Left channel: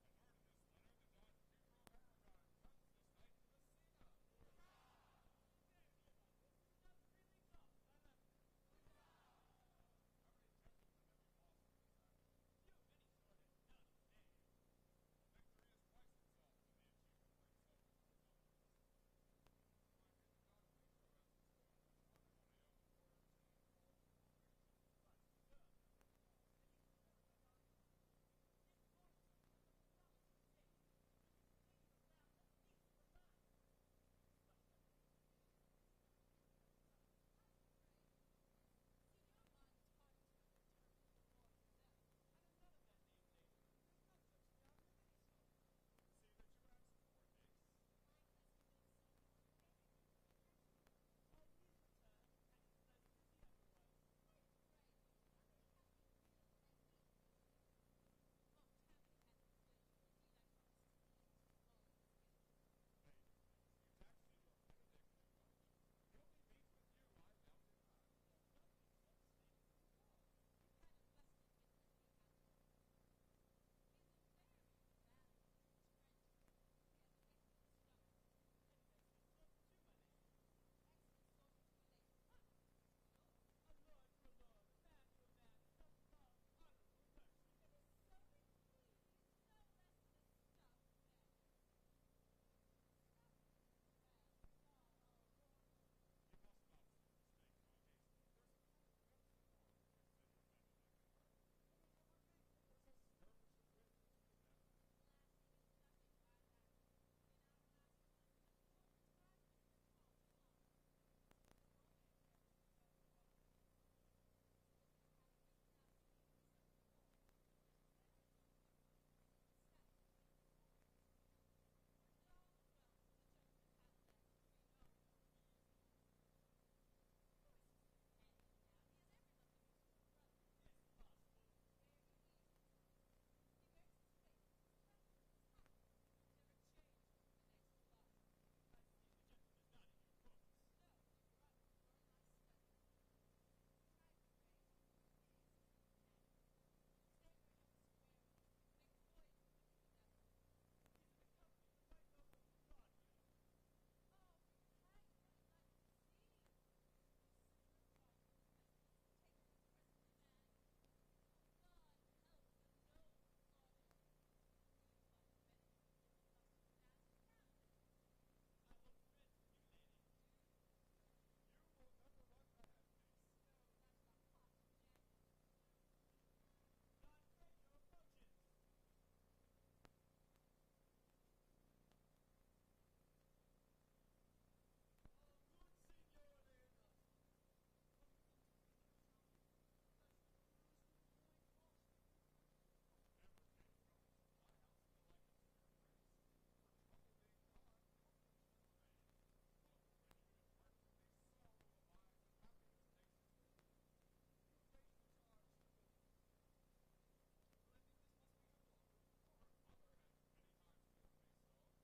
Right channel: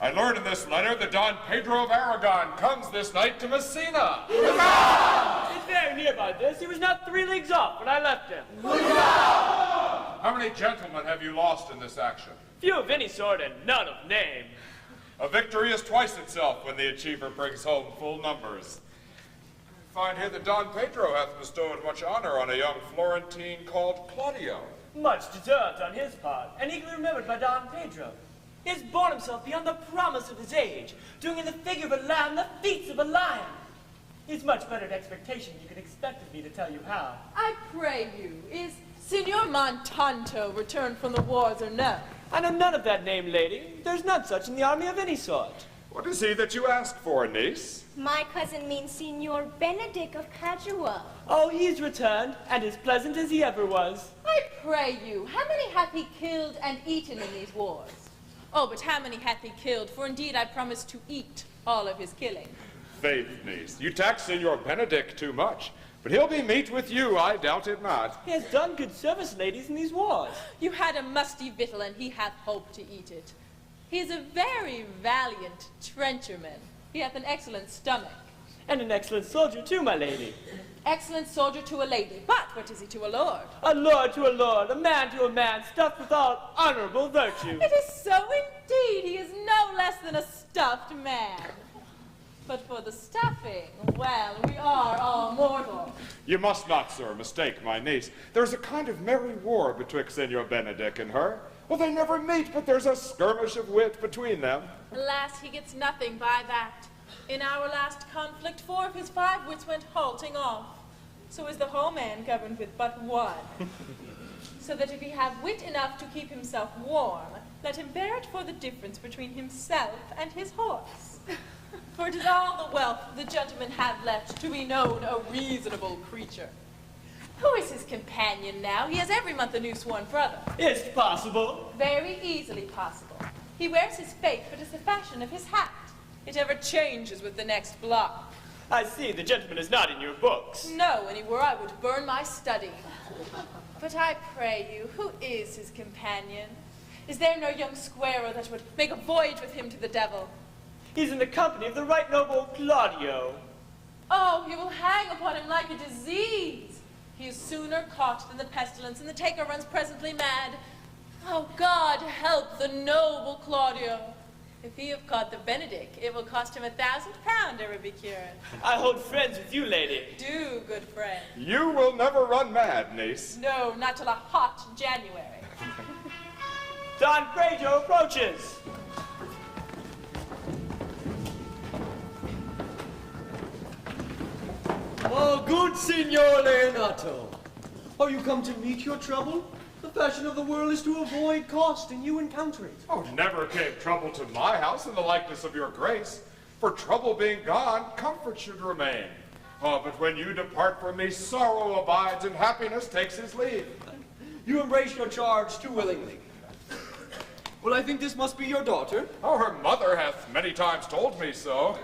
I learn in this letter that Don Pedro of Aragon comes this night to Messina. Huzzah! It's very nearby this. He was not 3 leagues off when I left him. Huzzah! How many gentlemen have you lost in this action? Few of any sort and none of name. A victory is twice itself when the achiever brings home full numbers. I find here that Don Pedro hath bestowed much honor on a young Florentine called Claudio. Much deserved on his part, and eagerly remembered by Don Pedro. He has borne himself beyond the promise of his age, doing in the figure of a lamb the feats of a lion. He's much better at expectation than you can expect of me to tell you how. I pray you, is Signor Montanto returned from the wars or no? I know none of that name, lady. There's none such in the army of any sort. What is he that you ask for, niece? My cousin means Signor Benedict of Padua. Oh, he's returned, and as pleasant as he ever was. I pray you, how many hath he killed and eaten in these wars? Oh, but how many hath he killed? For indeed I promise to eat all of his killing. Faith, niece, you tax Signor Benedict too much. But he'll be meat with you, I doubt it not. He has done good service, ladies, in these wars. You had a musty victual, and he hath hope to eat it. He is a very valiant trencherman. He hath an excellent stomach. And an excellent soldier, too, my lady. Excellent soldier to a lady, but what is he to a lord? A lord to a lord, a man to a man, stuffed with all honorable virtue. It is so indeed. He is no less than a stuffed man. But for the stuffing, well, we are all mortal. You must not, sir, mistake my niece. There's a kind of merry war betwixt Signor Benedict and her. Well, they never meet, but there's a skirmish of wit between them. Alas, he gets nothing by that. In our last conflict, 4 of his 5 wits went halting off. So is the whole man governed with but 1. So that if he have wit enough to keep himself warm, let him bear it for the difference between himself and his horse. For it is all the wealth the gentleman hath left to be known a reasonable creature. Who is his companion now? He has every month a new sworn brother. It's possible. Very easily possible. He wears his faith, but it's the fashion of his hat. It ever changes with the next block. I see, the gentleman is not in your books. No, and he were, I would burn my study. But I pray you, who is his companion? Is there no young squarer that would make a voyage with him to the devil? He's in the company of the right noble Claudio. Oh, he will hang upon him like a disease. He is sooner caught than the pestilence, and the taker runs presently mad. Oh, God help the noble Claudio. If he have caught the Benedict, it will cost him £1,000 ever be cured. I hold friends with you, lady. Do, good friend. You will never run mad, niece. No, not till a hot January. Don Pedro approaches. Oh, good Signor Leonato. Are you come to meet your trouble? The fashion of the world is to avoid cost, and you encounter it. Oh, never came trouble to my house in the likeness of your grace. For trouble being gone, comfort should remain. Oh, but when you depart from me, sorrow abides and happiness takes his leave. You embrace your charge too willingly. Well, I think this must be your daughter. Oh, her mother hath many times told me so.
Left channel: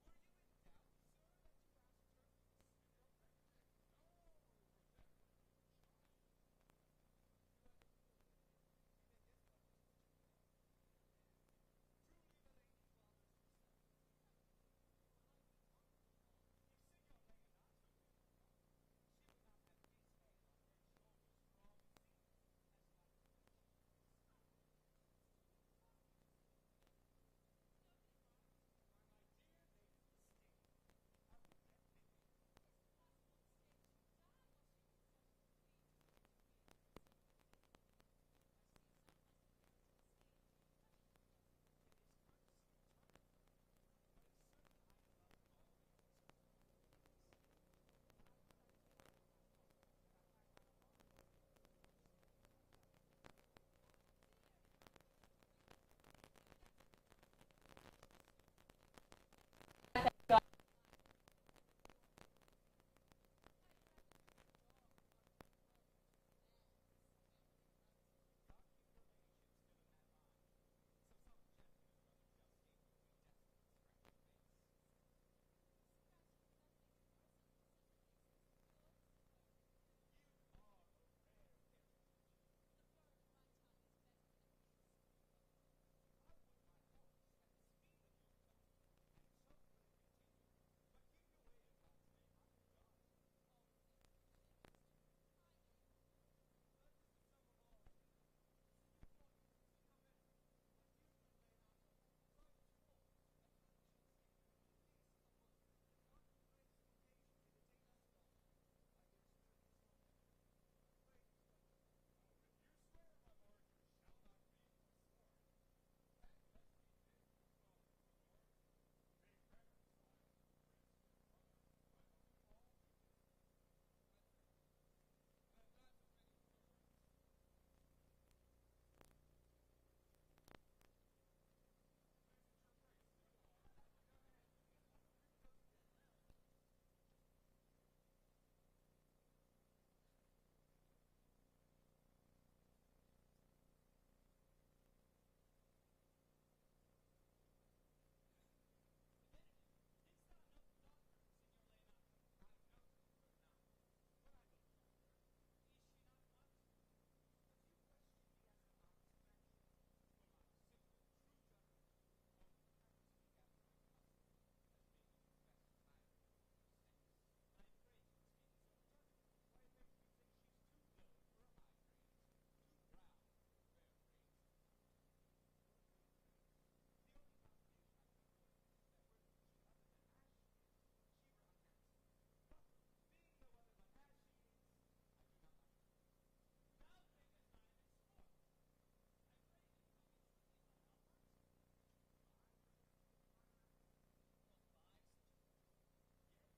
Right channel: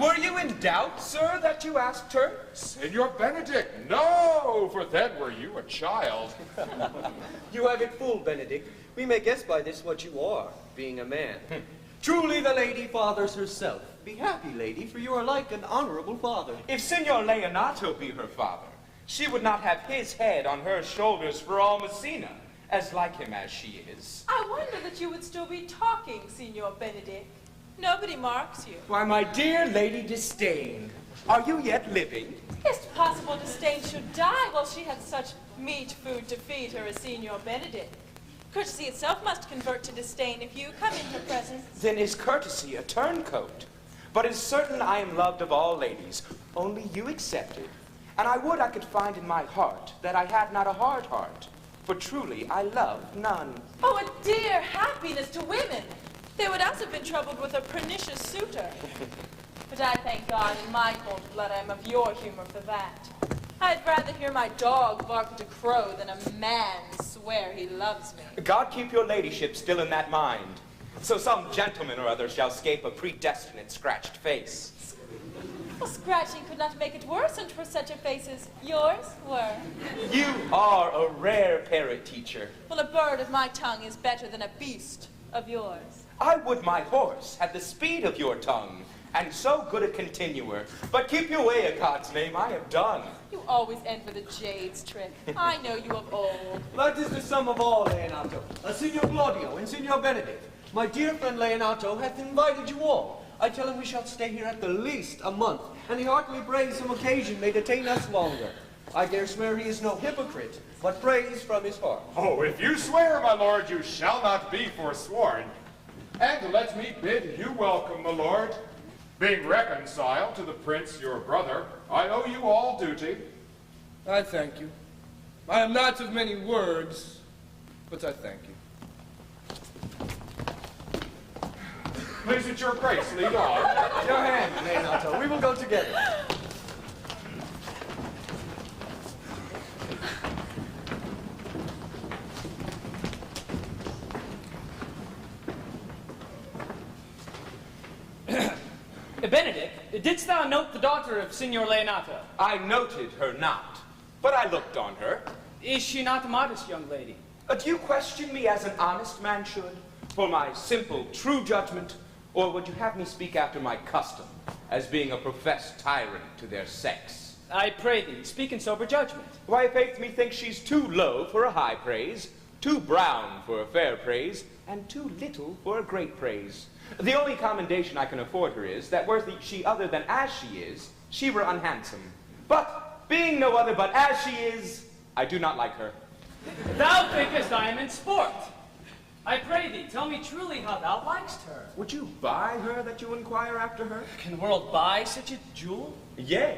Were you in doubt, sir, that you asked her? Signor Benedict, no, for then were you a child. You have it full, Benedict. We may guess by this what you are, being a man. Truly the lady fathers herself. Be happy, lady, for you are like an honorable father. If Signor Leonato be her father, she would not have his head on her shoulders for all Messina, as like him as she is. I wonder that you would still be talking, Signor Benedict. Nobody marks you. Why, my dear Lady Disdain, are you yet living? Is it possible Disdain should die while she had such meat food to feed her as Signor Benedict? Courtesy itself must convert to disdain if you come in her presence. Then is courtesy a turncoat? But it's certain I am loved of all ladies, only you excepted. And I would I could find in my heart that I had not a hard heart, for truly I love none. Oh, a dear happiness to women! They would else have been troubled with a pernicious suitor. But I thank God in my cold blood I am of your humor for that. I'd rather hear my dog bark at a crow than a man swear he loves me. God keep your ladyship still in that mind, so some gentleman or other shall scape a predestinate scratched face. Well, scratching could not make it worse, and for such a face as yours were. You are a rare parrot teacher. Well, a bird of my tongue is better than a beast of yours. I would my horse had the speed of your tongue, and so good a continuer. But keep your way, a God's name, I have done. You always end with a jade's trick. I know you of old. That is the sum of all, Leonato. Signor Claudio and Signor Benedict, my dear friend Leonato hath invited you all. I tell him we shall stay here at the least a month, and he heartily prays some occasion may detain us longer. I dare swear he is no hypocrite, but prays from his heart. Oh, if you swear, my lord, you shall not be forsworn. And let me bid you welcome, my lord. Being reconciled to the prince, your brother, I owe you all duty. I thank you. I am not of many words, but I thank you. Please, at your grace, lead on. Your hand, Leonato. We will go together. Benedict, didst thou note the daughter of Signor Leonato? I noted her not, but I looked on her. Is she not a modest young lady? Do you question me as an honest man should, for my simple, true judgment, or would you have me speak after my custom, as being a professed tyrant to their sex? I pray thee, speak in sober judgment. Why, faith, methinks she's too low for a high praise, too brown for a fair praise, and too little for a great praise. The only commendation I can afford her is, that were she other than as she is, she were unhandsome. But, being no other but as she is, I do not like her. Thou thinkest I am in sport. I pray thee, tell me truly how thou likest her. Would you buy her that you inquire after her? Can the world buy such a jewel? Yea,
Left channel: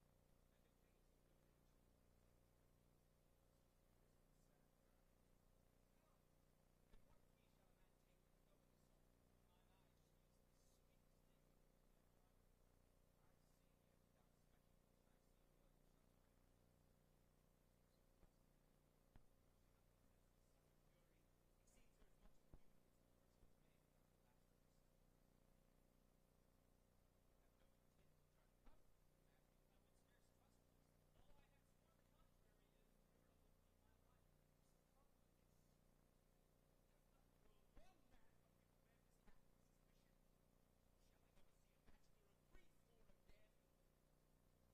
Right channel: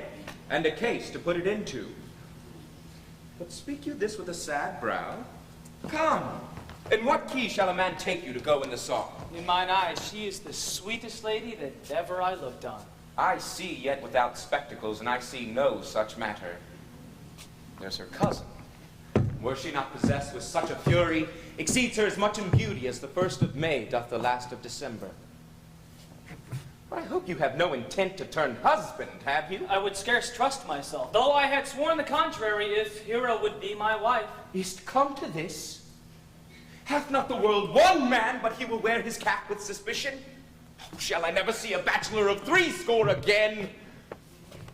and a case to put it into. But speak you this with a sad brow? Come, in what key shall a man take you to go in the song? In mine eyes, she is the sweetest lady that ever I looked on. I see yet without spectacles, and I see no such matter. There's her cousin. Were she not possessed with such a fury, exceeds her as much in beauty as the 1st of May doth the last of December. But I hope you have no intent to turn husband, have you? I would scarce trust myself, though I had sworn the contrary if Hero would be my wife. Is't come to this? Hath not the world one man, but he will wear his cap with suspicion? Oh, shall I never see a bachelor of 80 again?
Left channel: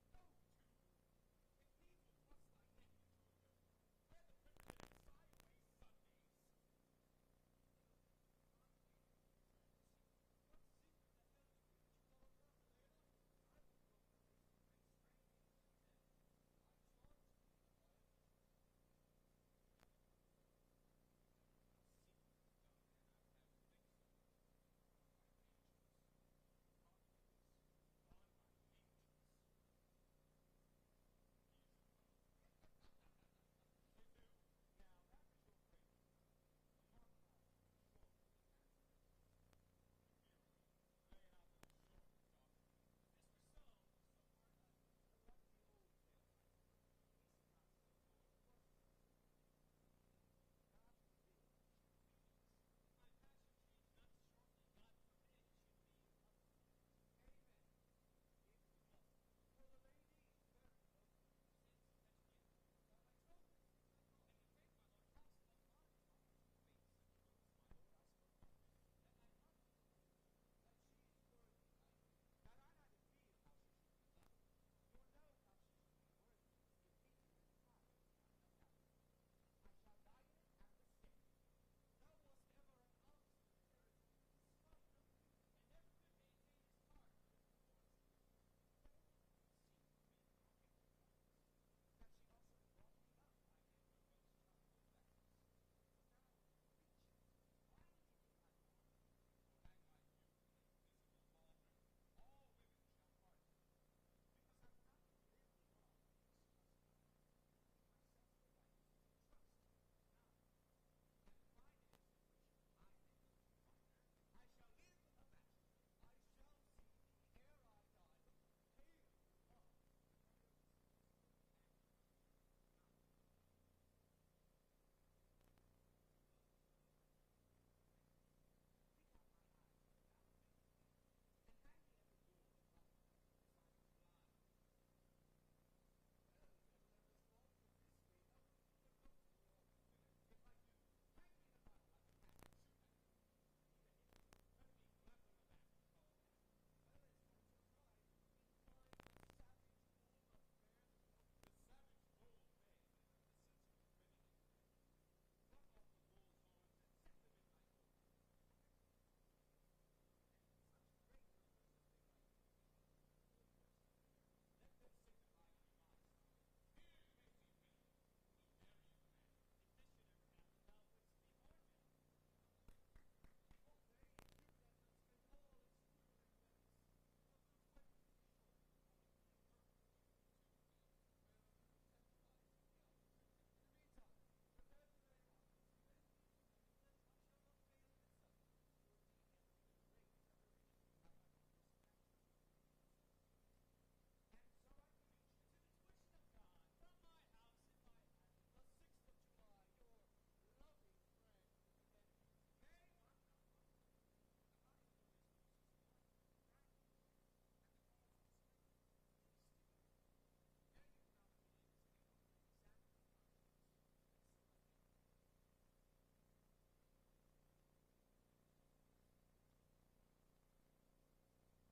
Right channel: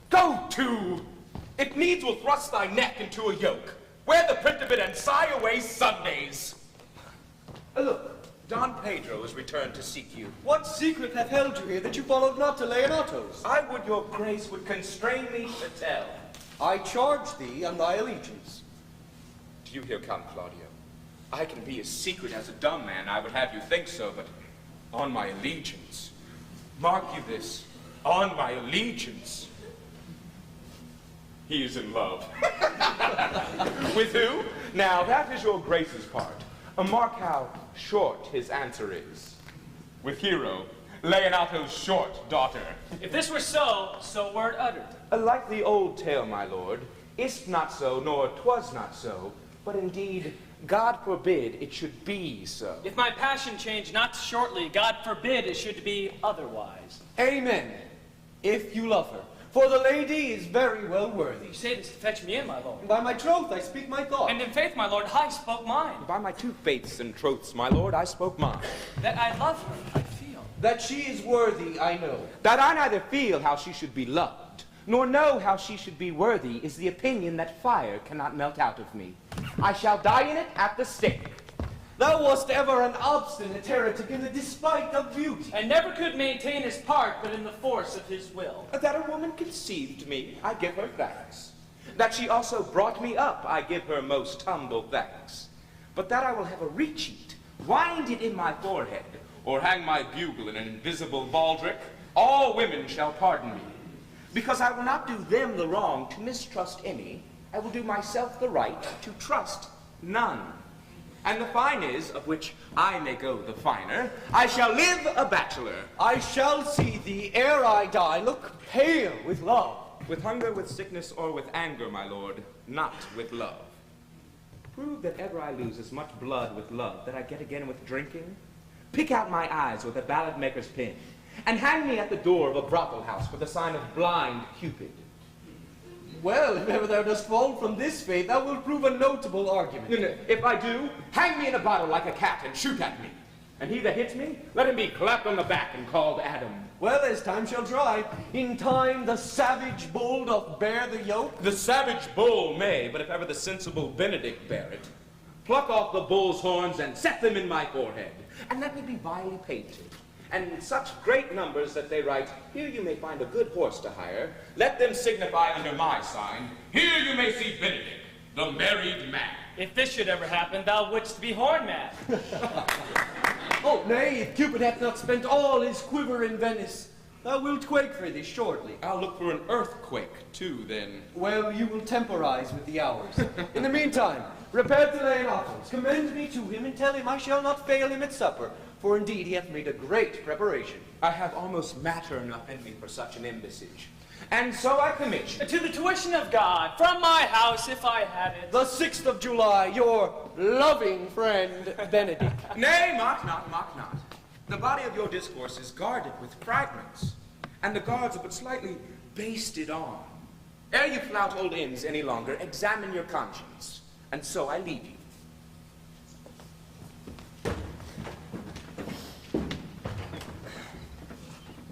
Go to! It needs will thrust thy neck into a yoke. Wear the print of it and sigh away Sundays. Look, Don Pedro is returned to seek you. What secret hath held you here that you followed not to Leonato's? I would your grace would constrain me to tell. I charge thee on thy allegiance. Do you hear, Count Claudio? I can be as secret as a dumb man, I would have you think so, but on my allegiance. Mark you this, on my allegiance. He is in love. With who? Now, that is your grace's part. Mark how short his answer is. With Hero, Leonato's short daughter. If this were so, so were it uttered. Like the old tale, my lord, is't not so, nor 'twas not so, but indeed, God forbid it should be so. If my passion change not shortly, God forbid it should be otherwise. Amen. If you love her. For the lady is very well worthy. You say this to fetch me in, my lord. And by my troth I speak my thought. And in faith, my lord, I spoke mine. By my 2 faiths and troths, my lord, I spoke mine. That I love her, I feel. That she is worthy, I know. That I neither feel how she should be loved, nor know how she should be worthy, is the opinion that fire cannot melt out of me. I shall die in it at the stake. Thou wast ever an obstinate heretic in the despite of beauty. And never could maintain his part but in the force of his will. That a woman conceived me, I give her thanks. That she also brought me up, I give her most humble thanks. But that I will have a recheat, wind it in my forehead, or hang my bugle in an invisible baldric, all women shall pardon me. Because I will not do them the wrong to mistrust any, I will do myself the right to trust none. And the fine is, of which I may go the finer, I shall live a bachelor. I shall see thee ere I die look pale with love. With hunger, with sickness, or with anger, my lord, not with love. Prove that ever I lose as much blood with love that I get again with drinking. Pick out my eyes with a ballad maker's pin, and hang me at the door of a brothel house for the sign of blind Cupid. Well, if ever thou dost fall from this faith, thou wilt prove a notable argument. No, if I do, hang me in a bottle like a cat and shoot at me. And he that hits me, let him be clapped on the back and called Adam. Well, as time shall try, in time the savage bull doth bear the yoke. The savage bull may, but if ever the sensible Benedict bear it, pluck off the bull's horns and set them in my forehead, and let me be vilely painted, and in such great numbers that they write, here you may find a good horse to hire, let them signify under my sign, here you may see Benedict, the married man. If this should ever happen, thou wouldst be horn mad. Oh, nay, if Cupid hath not spent all his quiver in Venice, thou wilt quake for this shortly. I'll look for an earthquake, too, then. Well, you will temporize with the hours. In the meantime, repair to Leonatus, commend me to him, and tell him I shall not fail him at supper, for indeed he hath made a great preparation. I have almost matter enough in me for such an embassage. And so I commit you. To the tuition of God, from my house, if I had it. The 6th of July, your loving friend, Benedict. Nay, mock not, mock not. The body of your discourse is guarded with fragments, and the guards are but slightly basted on. Ere you flout old ends any longer, examine your conscience, and so I leave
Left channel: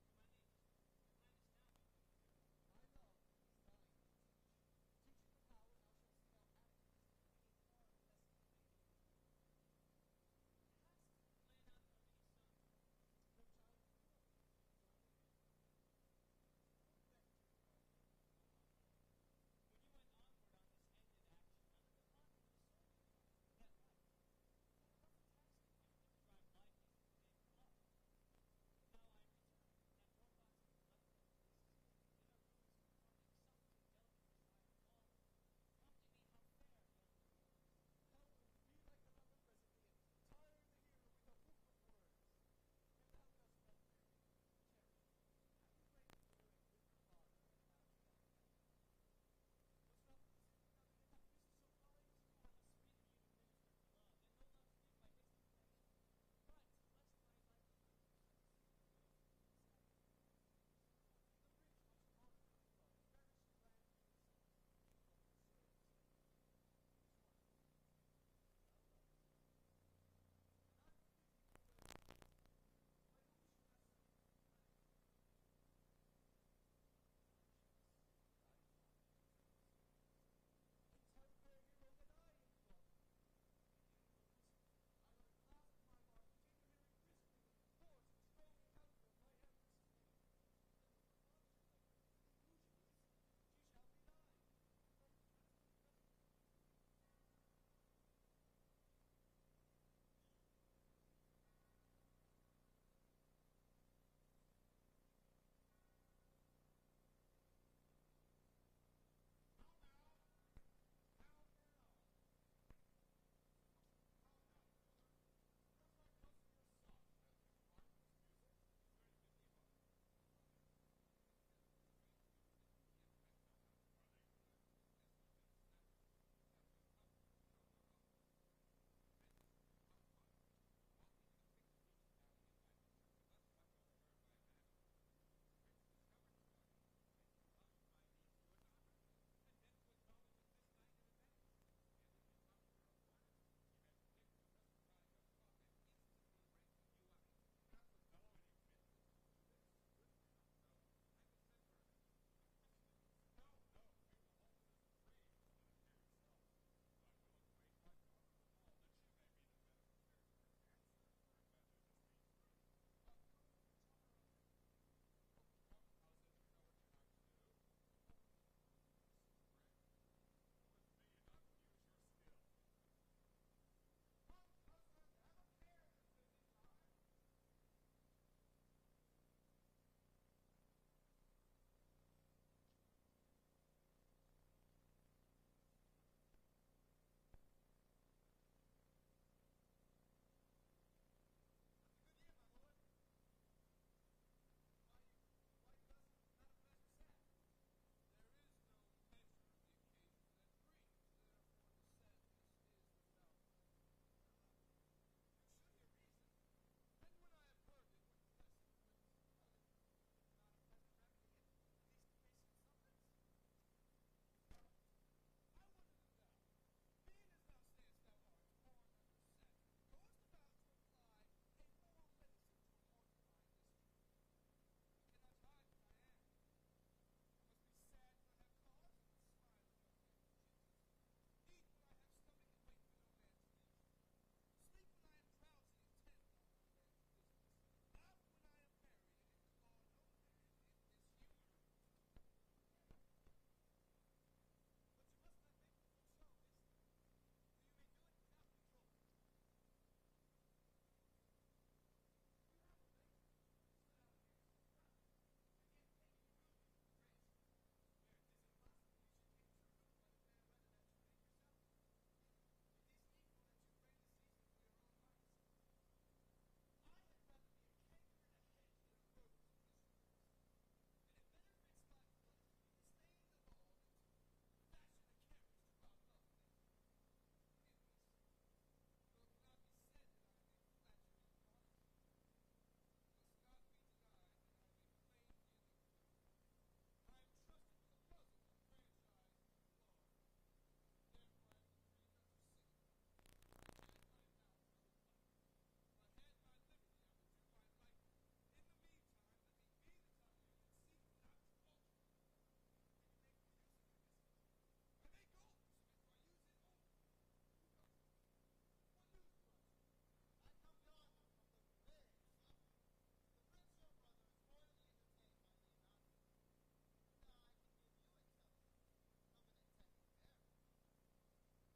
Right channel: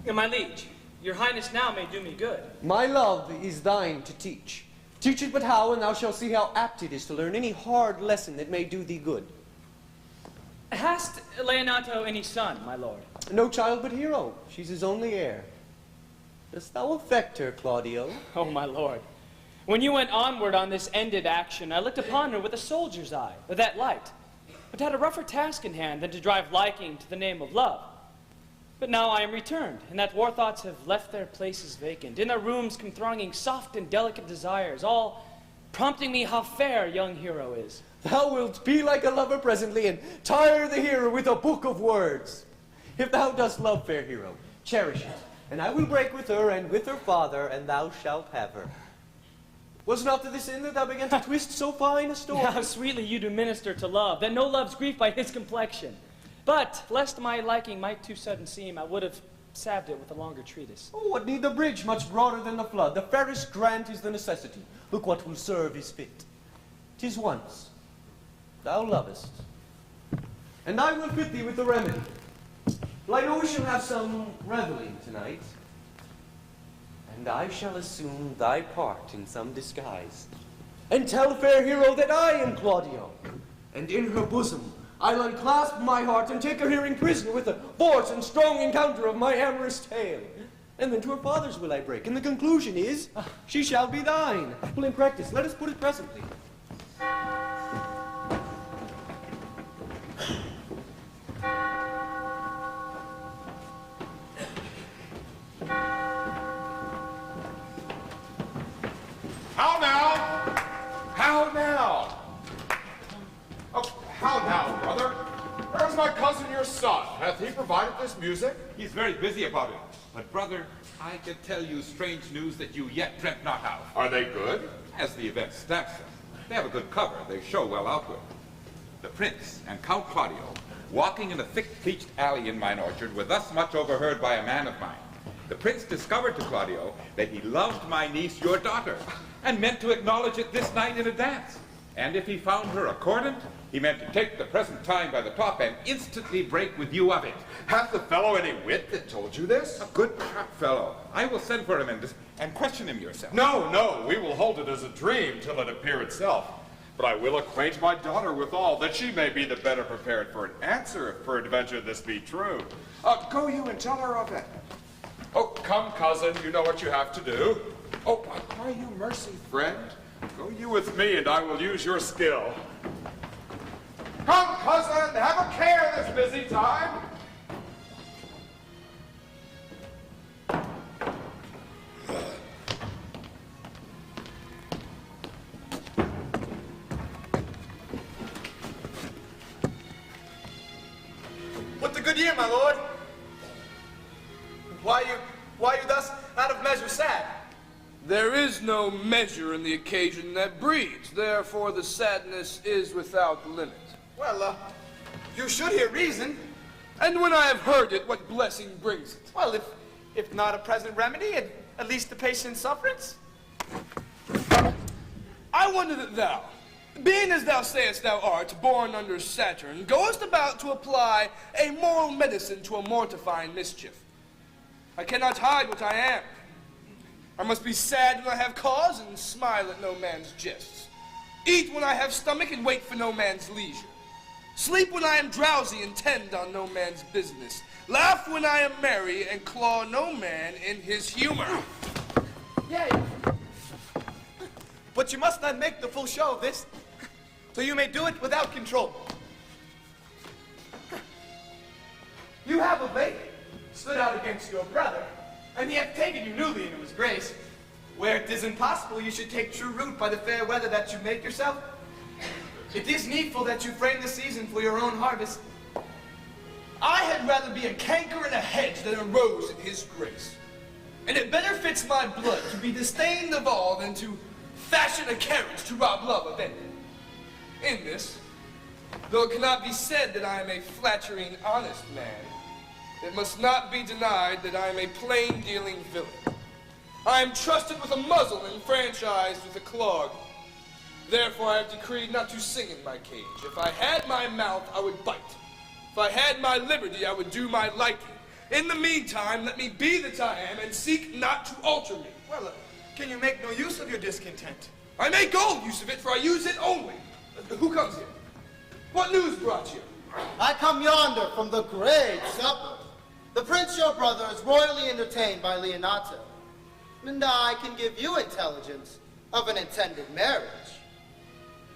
you. My liege, your highness now may do me good. My love is thine to teach. Teach it but how, and thou shalt see how apt it is to learn any hard lesson that may do thee good. Hast Leonato any son, my lord? No child but Hero. She's his only heir. Dost thou affect her, Claudio? Oh, my lord. When you went onward on this ended action, I looked upon her with a soldier's eye, with that light, but had a rougher task in hand than to drive liking to the name of love. But now I am returned, and that war thoughts have left their places vacant. In their rooms come thronging soft and delicate desires, all prompting me how fair young Hero is. Thou wilt be like a lover presently, and tire the hero with a book of words. If thou dost love fair Hero, cherish it, and I will break with her and with her father, and thou shalt have her. Was not to this end that thou began to twist so fine a story? How sweetly you do minister to love, that no love's grief by his complexion. But, lest my liking might too sudden seem, I would have salved it with a longer treatise. Oh, what need the bridge much broader than the flood? The fairest grant is the necessity. Look what will serve is fit. 'Tis once thou lovest, and I will fit thee with the remedy. Well, I know we shall have some reveling tonight, and I shall assume thy part in some disguise, and tell fair Hero that I am Claudio, and in her bosom I'll unclasp my heart and take her here in prison with the force and strong encounter of my amorous tale. And then to her father's will I break, and the conclusion is, she shall be thine. Well, in practice, let us put it presently. How now? How now? Oh, how now, brother? Where's my cousin, your son? Hath he provided this music? He's very busy about it. But, brother, I can tell you strange news that you yet dreamt not of. Are they good? As the event stamps them. They have a good cover. They show well outward. The prince and Count Claudio, walking in a thick-pleached alley in mine orchard, were thus much overheard by a man of mine. The prince discovered to Claudio that he loved my niece, your daughter, and meant to acknowledge it this night in a dance. And if he found her accordant, he meant to take the present time by the top and instantly break with you of it. Hath the fellow any wit that told you this? A good sharp fellow. I will send for him and question him yourself. No, no, we will hold it as a dream till it appear itself. But I will acquaint my daughter withal, that she may be the better prepared for an answer, if peradventure this be true. Go you and tell her of it. Oh, come, cousin, you know what you have to do. Oh, I cry you mercy, friend. Go you with me, and I will use your skill. Come, cousin, have a care this busy time. What the good year, my lord? Why you thus out of measure sad? There is no measure in the occasion that breeds, therefore the sadness is without limit. Well, you should hear reason. And when I have heard it, what blessing brings it? Well, if not a present remedy, at least the patient's sufferance. I wonder that thou, being as thou sayest thou art, born under Saturn, goest about to apply a moral medicine to a mortifying mischief. I cannot hide what I am. I must be sad when I have cause and smile at no man's jests. Eat when I have stomach and wait for no man's leisure. Sleep when I am drowsy and tend on no man's business. Laugh when I am merry and claw no man in his humor. Yay! But you must not make the full show of this, so you may do it without control. You have of late stood out against your brother, and he hath taken you newly into his grace, where it is impossible you should take true root by the fair weather that you make yourself. It is needful that you frame the season for your own harvest. I had rather be a canker in a hedge than a rose in his grace. And it better fits my blood to be disdained of all than to fashion a carriage to rob love of it. In this, though it cannot be said that I am a flattering, honest man, it must not be denied that I am a plain-dealing villain. I am trusted with a muzzle and franchised with a clog. Therefore I have decreed not to sing in my cage. If I had my mouth, I would bite. If I had my liberty, I would do my liking. In the meantime, let me be that I am, and seek not to alter me. Well, can you make no use of your discontent? I make all use of it, for I use it only. Who comes here? What news brought you? I come yonder from the great supper. The prince, your brother, is royally entertained by Leonato, and I can give you intelligence of an intended marriage.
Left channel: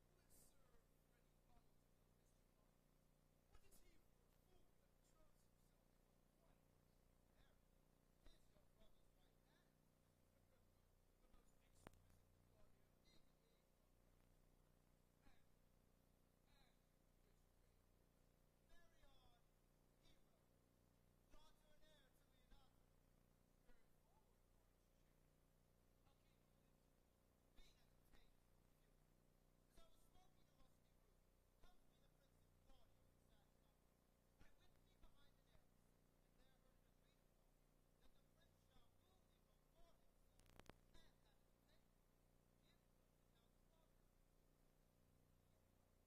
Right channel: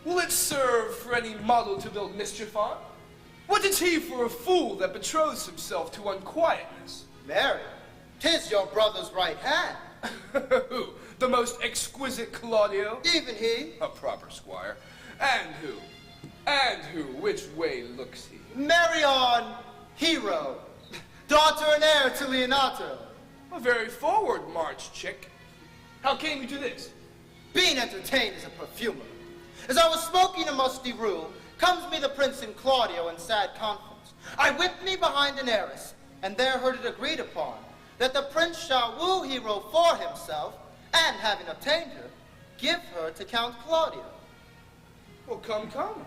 Will it serve for any model to build mischief on? What is he for a fool that betroths himself to unquietness? Marry? 'Tis your brother's right hand. Who? The most exquisite Claudio? Even he. A proper squire. And who? And who? Which way looks he? Marry on Hero, daughter and heir to Leonato. A very forward march, chick. How came you to this? Being entertained as a perfumer. As I was smoking a musty room, comes me the prince and Claudio in sad conference. I whipped me behind an heiress, and there heard it agreed upon, that the prince shall woo Hero for himself, and having obtained her, give her to Count Claudio. Well, come, come.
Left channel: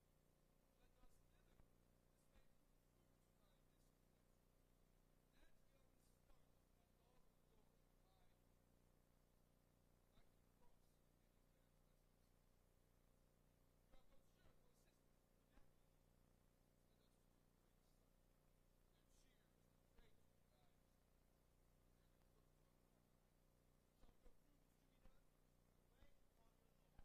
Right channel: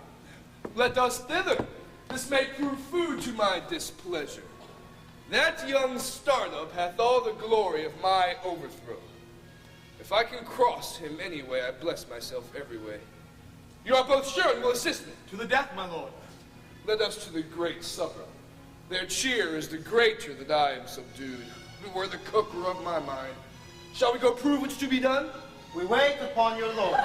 Let us thither. This may prove food to my displeasure. That young startup hath all the glory of my overthrow. If I can cross him any way, I bless myself every way. You are both sure and will assist me. To the death, my lord. Let us to the great supper. Their cheer is the greater that I am subdued. Were the cooker of my mind. Shall we go prove what's to be done? We wait upon your lord.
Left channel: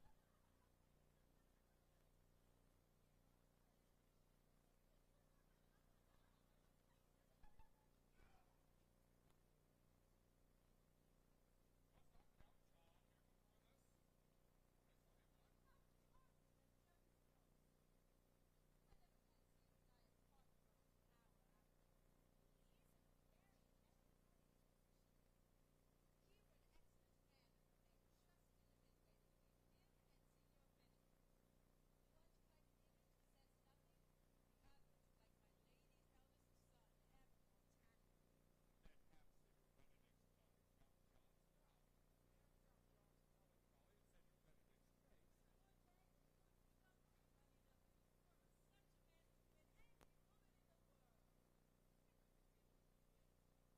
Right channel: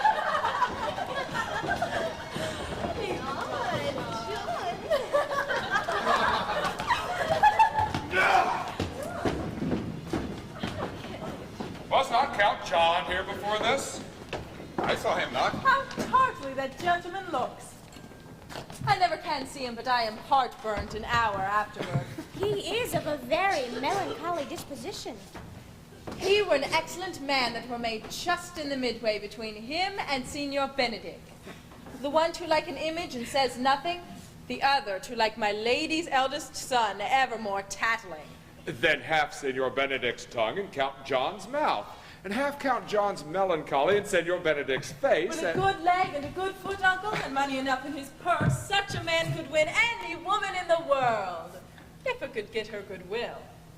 Was not Count John here before this? I saw him not. How tartly that gentleman looks. I never can see him, but I am heartburnt an hour afterward. He is of a very melancholy disposition. He were an excellent man that were made just in the midway between him and Signor Benedict. The one to like an image and says nothing, the other to like my lady's eldest son, evermore tattling. Then half Senor Benedict's tongue and Count John's mouth, and half Count John's melancholy and Senor Benedict's face. With a good leg and a good foot, uncle, and money enough in his purse, such a man could win any woman in the world, if it could get her goodwill.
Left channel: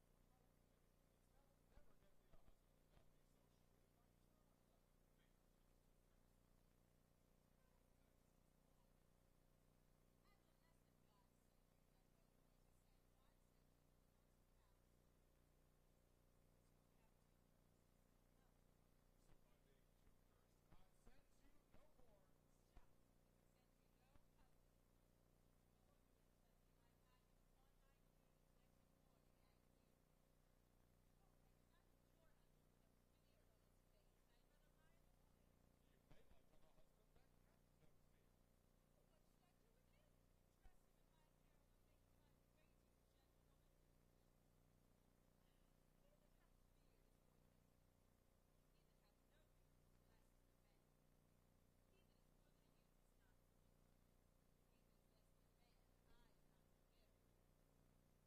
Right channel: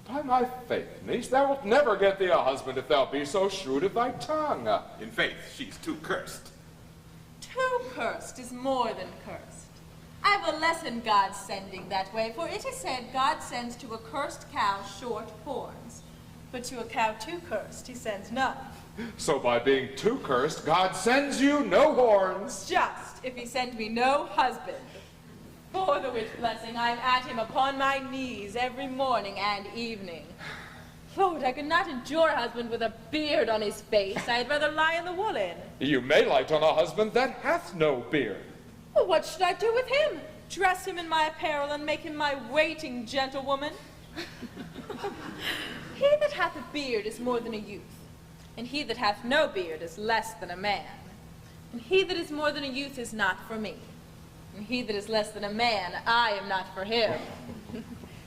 By my faith, niece, thou wilt never get thee a husband if thou be so shrewd of thy tongue. In faith, she's too cursed. Too cursed is more than cursed. I will lessen God's sending that way, for it is said God sends to a cursed cow short horns, but to a cow too cursed he sends none. So by being too cursed, God sends you no horns. Just if he send me no husband. For the which blessing I am at him upon my knees every morning and evening. Lord, I could not endure a husband with a beard on his face. I had rather lie in the woolen. You may light on a husband that hath no beard. Well, what should I do with him? Dress him in my apparel and make him my waiting gentlewoman? He that hath a beard is more than a youth, and he that hath no beard is less than a man. And he that is more than a youth is not for me, and he that is less than a man, I am not for him.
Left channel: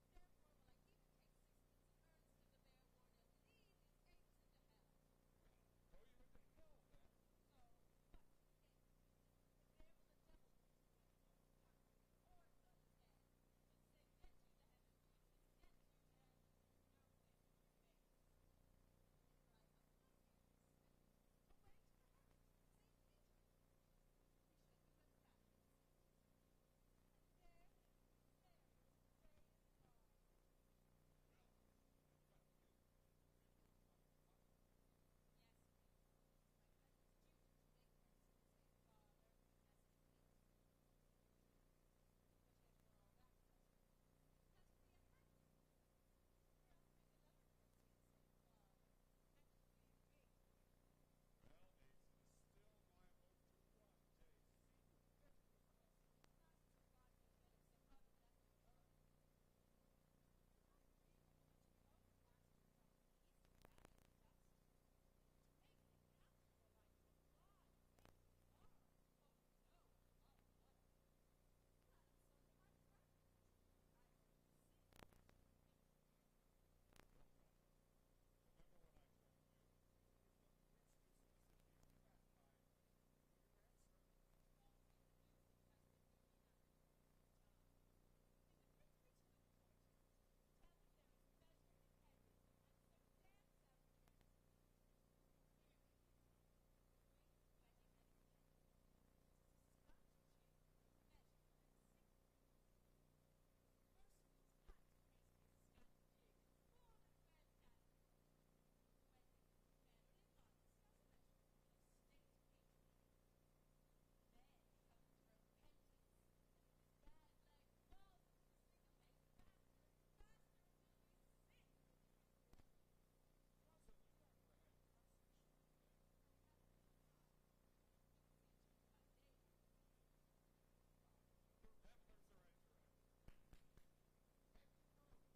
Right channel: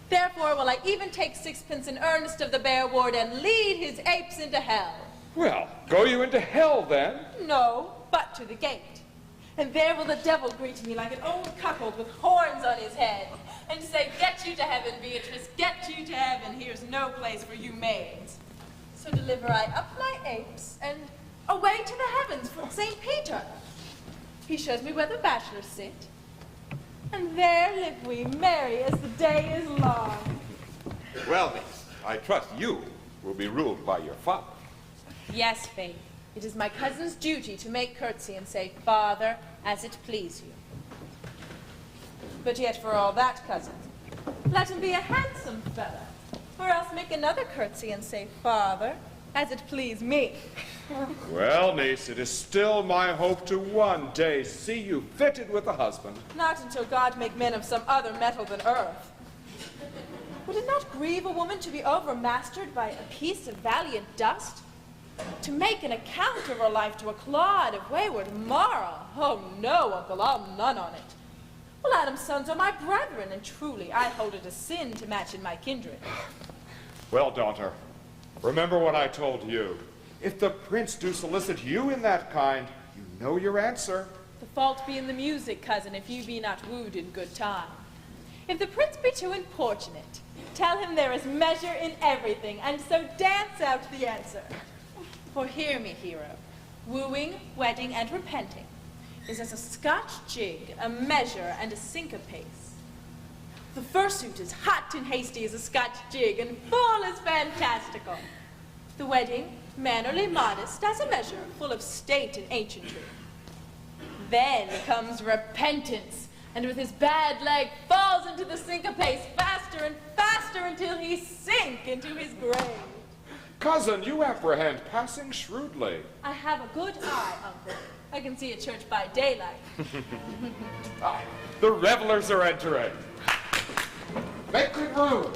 Therefore will I even take sixpence in earnest of the bear ward and lead his apes into hell. Well, go you into hell then? No, but to the gate. And there will the devil greet me like an old cuckold with horns on his head, and say, "Get you to heaven, Beatrice, get you to heaven. Here's no place for you maids." So deliver I up my apes, and away to the heavens for St. Peter. He shows me where the bachelors sit, and there live we, merry as the day is long. Well, niece, I trust you will be ruled by your father. Yes, Faith. It is my cousin's duty to make curtsy and say, "Father, as it please you." But yet for all that, cousin, let him be a handsome fellow, or else make another curtsy and say, "Father, as it please me." Well, niece, it is still my hope to one day see you fitted with a husband. Not until God make men of some other metal than earth. Would it not grieve a woman to be overmastered by a piece of valiant dust? To make an account of her life to a clod of wayward Mara? Oh no, uncle, I'll none on it. Well, Adam's sons are my brethren, and truly I hold it a sin to match in my kindred. Well, daughter, remember what I told you. If the prince do solicit you in that kind, you know your answer. The fault be in the music, cousin, if you be not wooed in good time. If the prince be too importunate, tell him there is measure in everything, and so dance out the answer. For hear me, hero, wooing, wedding, and repenting is as a Scotch jig, a measure, and a syncopace. The fursuit is hot and hasty as a Scotch jig, and full as fantastical. The wedding, mannerly, modest, as a measure, full of state and ancientry. Then comes repentance, and with his bad leg falls into the syncopace faster and faster until he sink into his grave. Cousin, you apprehend passing shrewdly. I have a good eye, uncle. I can see a church by daylight. The revelers are entering. Make good room.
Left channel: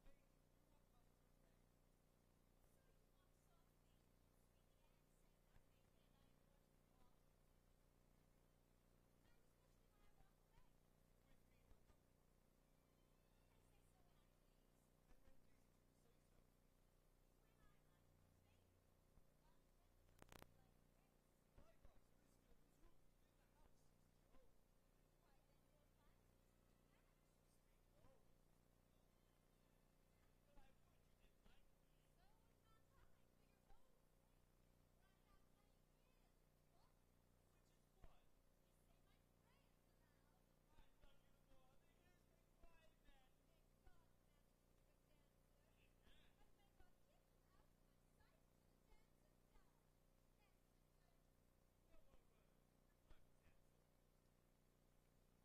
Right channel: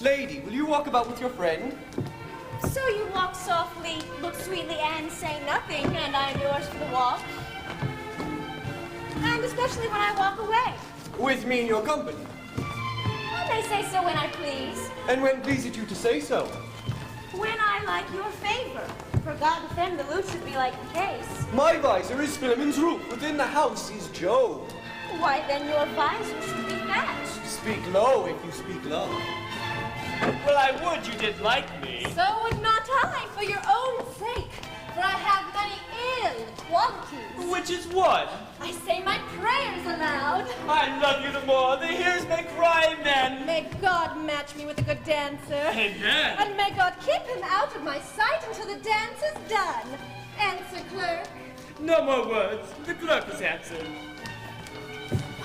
Lady, will you walk about with your friend? So you walk softly, look sweetly, and say nothing, and I am yours for the walk. And especially when I walk away. With me in your company. I may say so when I please. And when pleaseth you to say so? When I like your favor. For God defend the loot should be like the case. My visor is Philemon's roof. Within the house is Job. Why then your visor should be thatched. Speak low if you speak low. Well, I would you did like me. So would not I, for your own sake. For I have many ill qualities. Which is what? I say my prayers aloud. I love you the more. The hearers may cry, men. May God match me with a good dancer. Amen. And may God keep him out of my sight until the dance is done. Answer, clerk. No more words. The clerk has answered.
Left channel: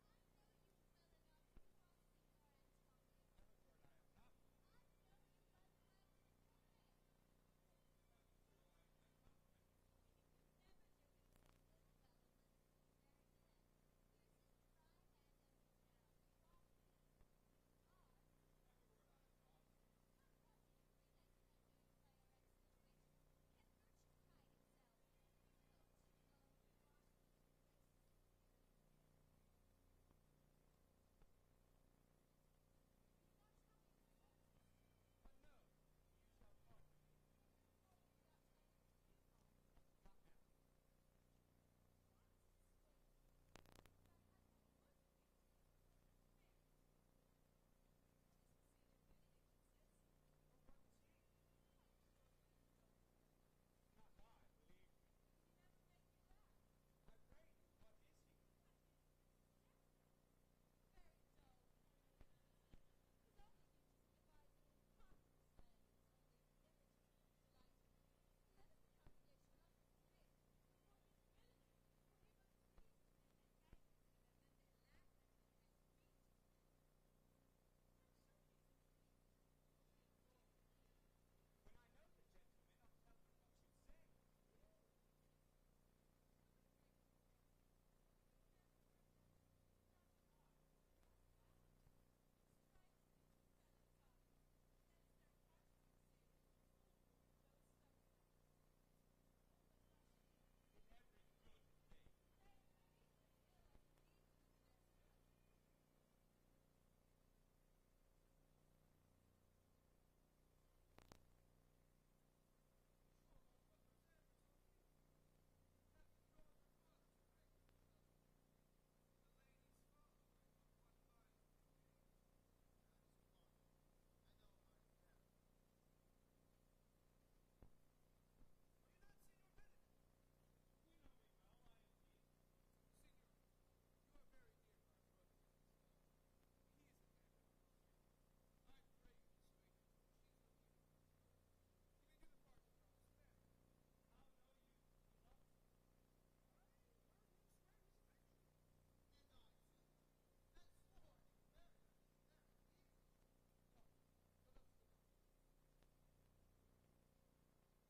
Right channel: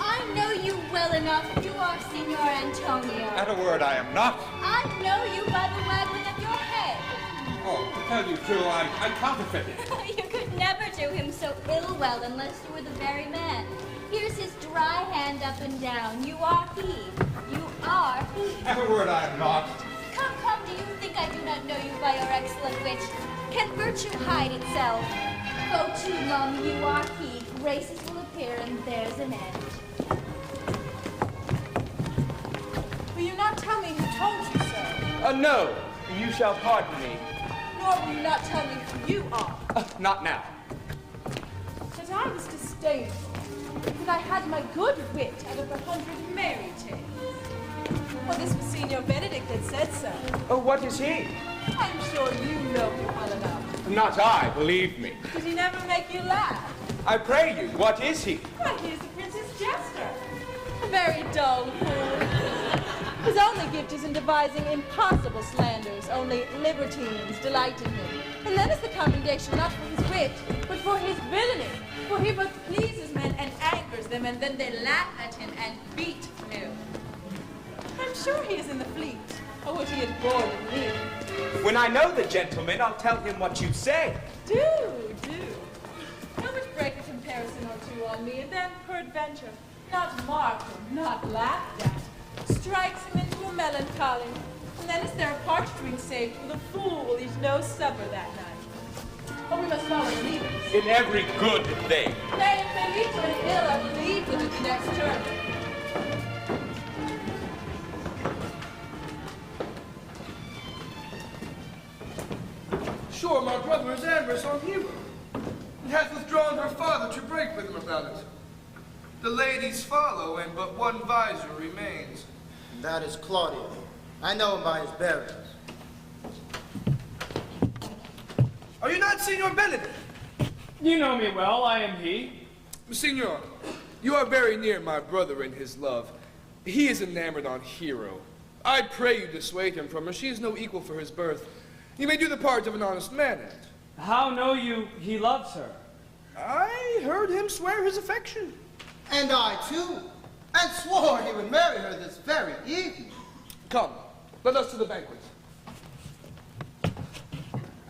I know you well enough. You are Signor Antonio. At a word, I am not. I know you by the waggling of your head. Oh, to tell you true, I counterfeited. You could never do him so ill well unless you were the very man. Here's his dry hand up and down. You are he. You are he. At a word, I am not. Come, come, do you think I do not know you by your excellent wit? Can virtue hide itself? Go to, mum, you are he. Graces will appear and there's an end. Will you not tell me who told you so? No, you shall pardon me. Nor will you not tell me who you are. Not now. That I was disdainful, that I had my good wit out of 100 merry tales. Well, this was Signor Benedict that said so. Oh, what is he? I'm sure you know him well enough. Not I, believe me. Did he never make you laugh? I pray you, what is he? Why, he is the prince's jester. A very dull fool. His only gift is in devising impossible slanders, only libertines delight in him. And that is the commendation not for his wit, but for his villainy. For he both pleases men and angers them, and then they laugh at him and beat him. I'm sure he is in the fleet. I would he had boarded me. When I know the gentleman, I'll tell him what you say. Do. How would break a comparison or two on me, and then, peradventure, not marked or not laughed at, strikes him into a melancholy. And then is there a parched drink saved for the fool will eat no supper that night? Oh, we must follow the leaders. In every good thing. Nay, if they lead to an ill, I will leave them at the next turn. Sure, my brother is amorous on Hero, and hath withdrawn her father to break with him about it. The ladies follow, and but one visor remains. That is Claudio. I know him by his bearings. Are you not Signor Benedict? You know me well, I am he. Signor, you are very near my brother in his love. He is enamored on Hero. I pray you dissuade him from her. She is no equal for his birth. You may do the part of an honest man in it. How know you he loves her? I heard him swear his affection. And I too. And swore he would marry her this very evening. Come, let us to the banquet.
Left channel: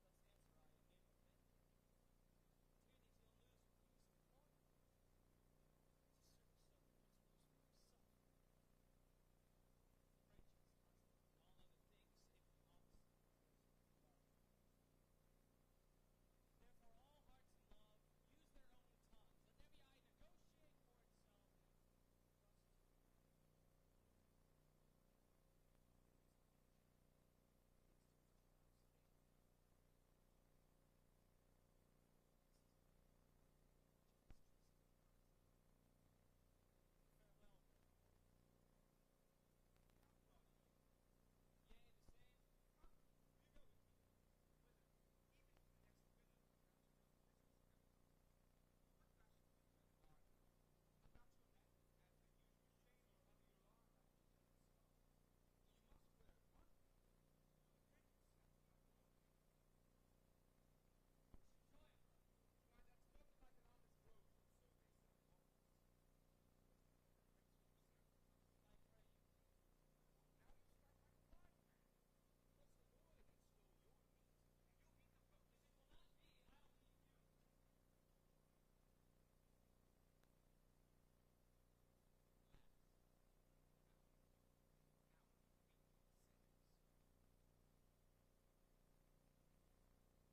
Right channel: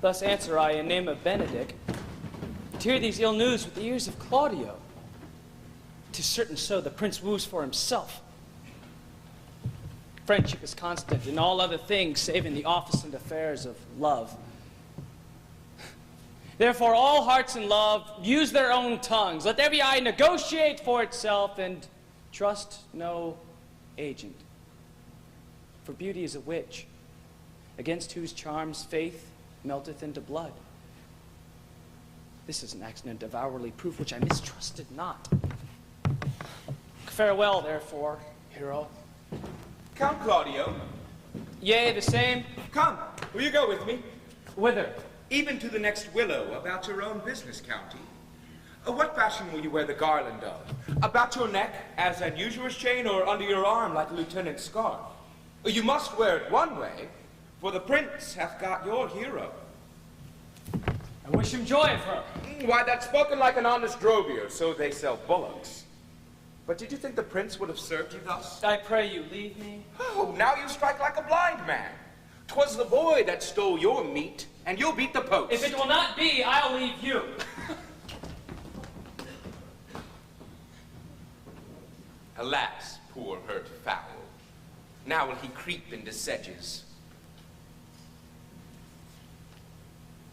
Thus answer I in name of Benedict, to hear these ill news with the ears of Claudio. 'Tis certain so the prince woos for himself. Friendship is constant in all other things, save in the office and affairs of love. Therefore, all hearts in love use their own tongues. Let every eye negotiate for itself, and trust no agent. For beauty is a witch, against whose charms faith melteth into blood. This is an accident of hourly proof which I mistrusted not. Farewell, therefore, hero. Count Claudio. Yea, the same. Come, will you go with me? Whither? Even to the next willow, about your own business, County. What fashion will you wear the garland of? About your neck, as an usurer's chain, or under your arm, like a lieutenant's scarf? You must wear it one way, for the prince hath got your hero. I wish him joy of her. Why, that's spoken like an honest drovier, so they sell bullocks. But did you think the prince would have served you thus? I pray you, leave me. Oh, now you strike like a blind man. 'Twas the boy that stole your meat, and you'll beat the post. If it will not be, I'll leave you. Alas, poor hurt fowl. Now will he creep into sedges.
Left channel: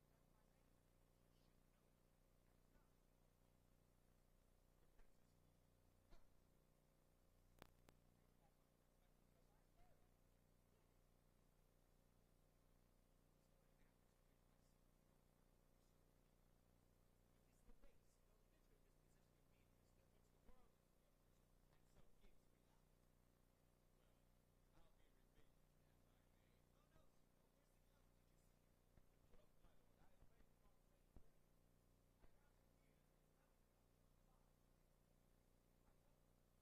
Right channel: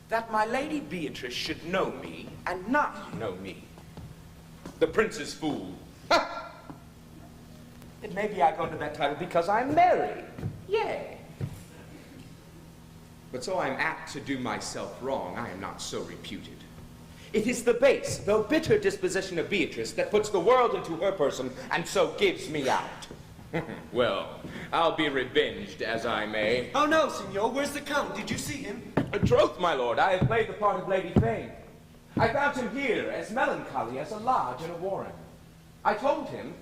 That my lady Beatrice should know me, and not know me. The prince's fool. Ha! It may be I go to that title because I'm married. Yea. But so I'm apt to do myself wrong, I am not so reputed. It is the base, though bitter disposition of Beatrice that puts the world into her person, and so gives me out. Well, I'll be revenged as I may. Oh no, Signor, where's the Count? Did you see him? Troth, my lord, I have played the part of Lady Fame. I found him here, as melancholy as a lodge in a warren. I told him,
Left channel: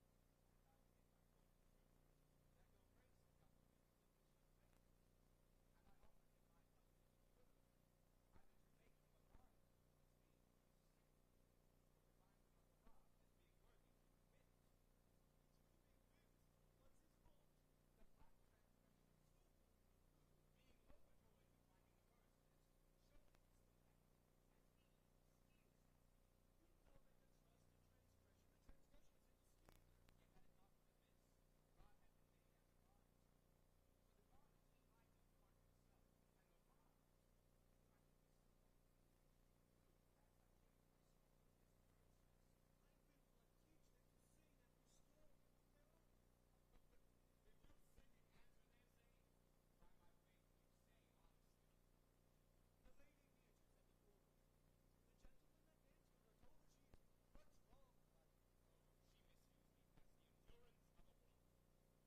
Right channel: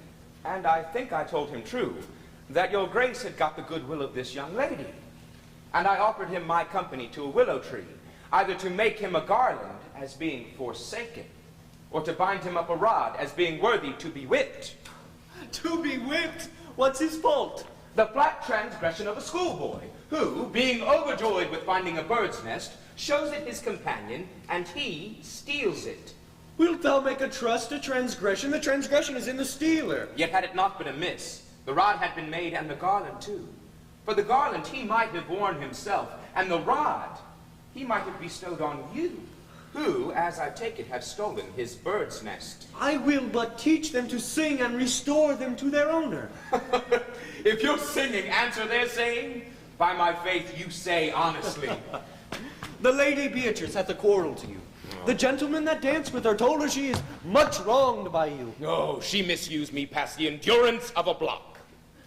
and I think I told him true, that your grace had got the goodwill of this young lady. And I offered him my company to a willow tree, either to make him a garland as being forsaken, or to bind him up a rod as being worthy to be whipped. To be whipped? What's his fault? The flat transgression of a schoolboy, who, being overjoyed with finding a bird's nest, shows it his companion, and he steals it. Wilt thou make a trust a transgression? The transgression is in the stealer. Yet had it not been amiss, the rod had been made, and the garland too. For the garland he might have worn himself, and the rod he might have bestowed on you, who, as I take it, have stolen his bird's nest. I will but teach them to sing and restore them to their owner. If your singing answer their saying, by my faith you say honestly. The Lady Beatrice hath a quarrel to you. The gentleman that danced with her told her she is much wronged by you. No, she misused me past the endurance of a block.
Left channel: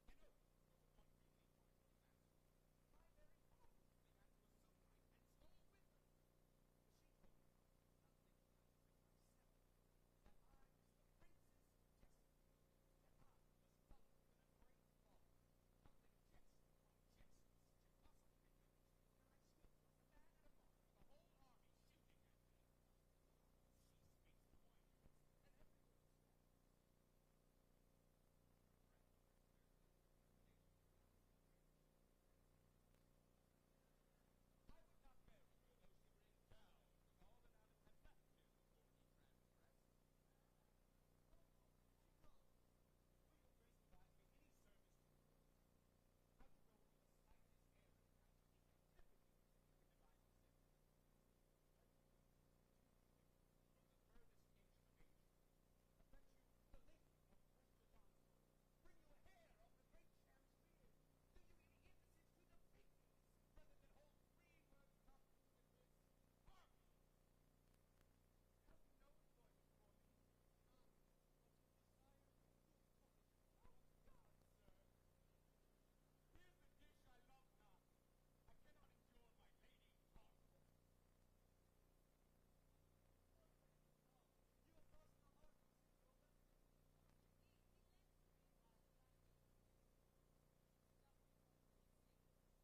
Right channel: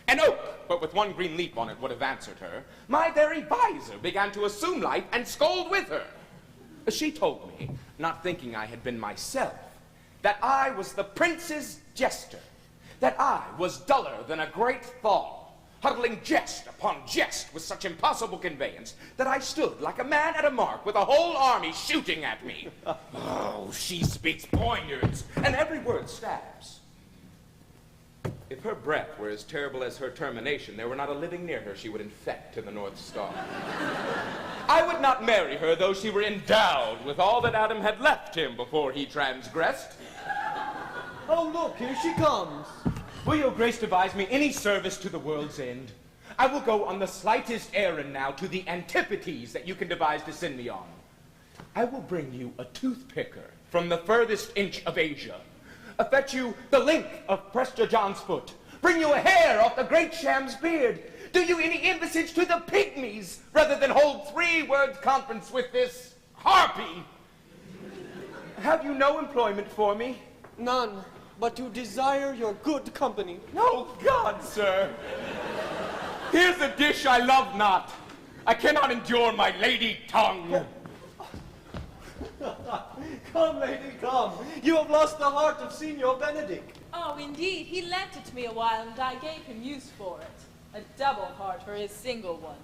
An oak, but with one green leaf on it, would have answered her. My very visor began to assume life and scold with her. She told me, not thinking I had been myself, that I was the prince's jester, that I was duller than a great thaw, huddling jest upon jest with such impossible conveyance that I stood like a man at a mark with a whole army shooting at me. Oh, she speaks poignards, and every word stabs. If her breath were as terrible as her termination, there were not a living near her she would infect to the North Star. I would not marry her, though she were endowed with all that Adam had left him before he transgressed. Oh, look, here she comes. Will your grace devise me any service to the world's end? I will go on the slightest errand now to the antipodes that you can devise to send me on. I will bring you a toothpicker from the furthest inch of Asia, fetch you the length of Prester John's foot, bring you a hair off the great Sham's beard, do you any embassage to the pygmies, rather than hold 3-word conference with this harpy. Have you no employment for me? None, but to desire your good company. Oh, God, sir. Here's a dish I love not. I cannot endure my lady tongue. Come, lady, come. You have lost the heart of Signor Benedict. Oh, indeed. He lent it to me a while, and I gave him use for it. A double heart for his single one.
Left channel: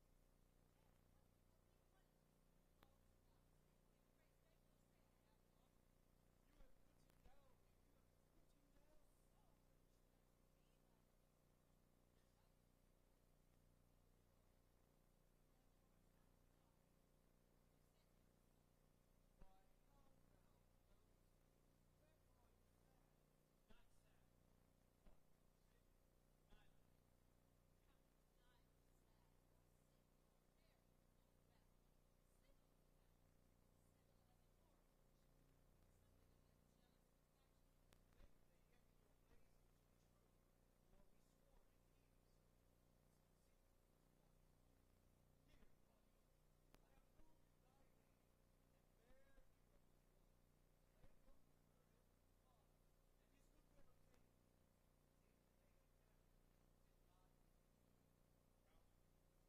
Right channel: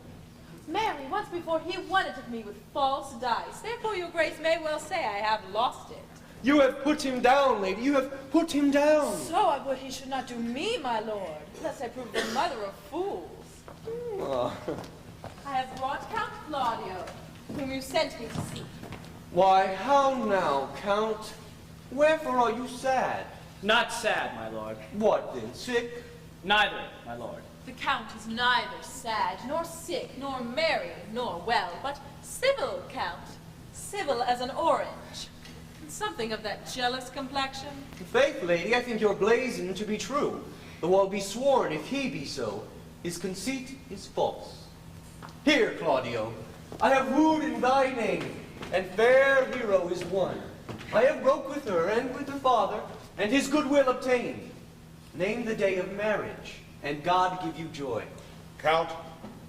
Marry, once before he won it of me with false dice. Therefore, your grace may well say I have lost it. You have put him down, lady. You have put him down. So I would he should not do me, my lord, lest I prove the mother of fools. Oh. I have brought Count Claudio, whom you sent me to see. Why, how now, Count? Wherefore are you sad? Not sad, my lord. What then, sick? Neither, my lord. The Count is neither sad, nor sick, nor merry, nor well, but civil, Count. Civil as an orange. And something of that jealous complexion. Faith, lady, I think your blazon to be true, though I'll be sworn if he be so, his conceit is false. Here, Claudio, I have wooed in thy name, and fair hero is won. I have broke with her and with her father, and his goodwill obtained. Name the day of marriage, and God give you joy. Count,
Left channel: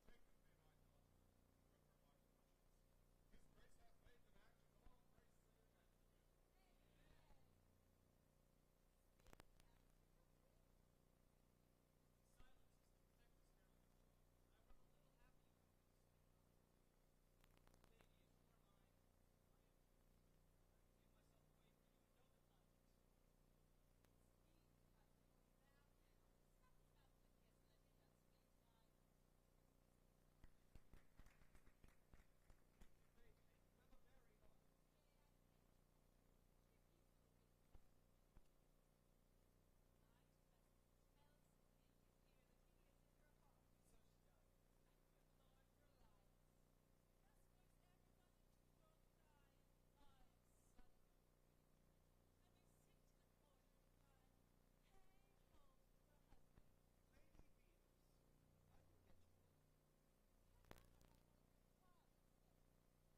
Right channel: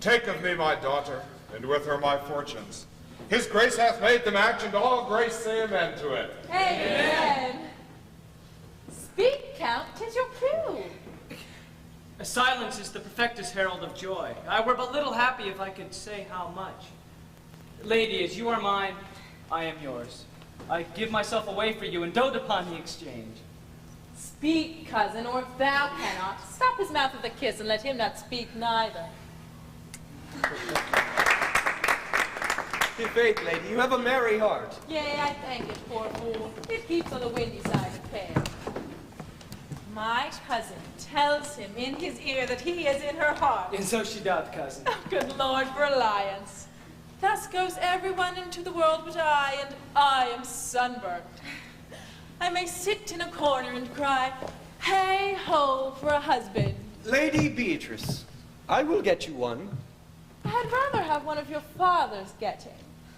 take of me my daughter, and with her my fortunes. His grace hath made the match, and all grace say amen to it. Amen. Speak, Count, 'tis your cue. Silence is the perfectest herald of joy. I were but little happy if I could say how much. Lady, as you are mine, I am yours. I give myself away for you and dote upon the exchange. Speak, cousin, or if thou cannot, stop his mouth with a kiss and let him not speak neither. In faith, lady, you have a merry heart. Yea, I thank it, poor fool. It keeps on the windy side of fair. My cousin tells him in his ear that he is in her heart. And so she doth, cousin. Oh, good Lord, for alliance. Thus goes everyone into the world but I, and I am sunburnt. I may sit in a corner and cry, hey ho for a husband. Lady Beatrice, I will get you one. I had rather have one of your father's getting.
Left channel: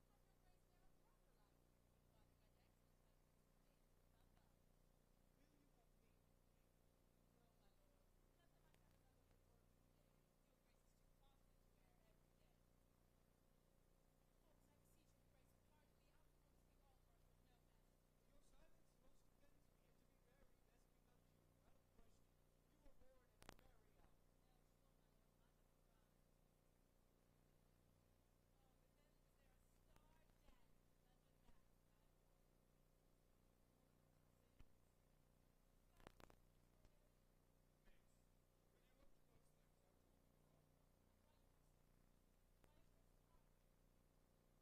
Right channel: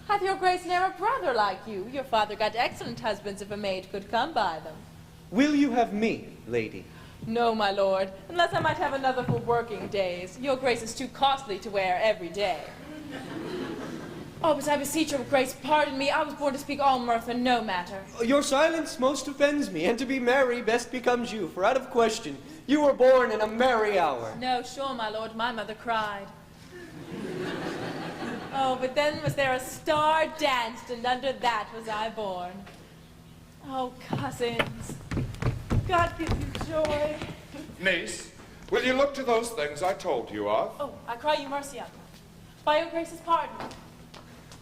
Hath your grace ne'er a brother like you? Your father got excellent husbands if a maid could come by them. Will you have me, lady? No, my lord, unless I might have another for working days. Your grace is too costly to wear every day. Oh, but I beseech your grace, pardon me. I was born to speak all mirth and no matter. Your silence most offends me, and to be merry best becomes you, for out of question, you were born in a merry hour. No, sure, my lord, my mother cried. Oh, but then was there a star danced, and under that was I born. Oh, cousins, God give you joy. Niece, will you look to those things I told you of? Oh, I cry you mercy, uncle. By your grace's pardon.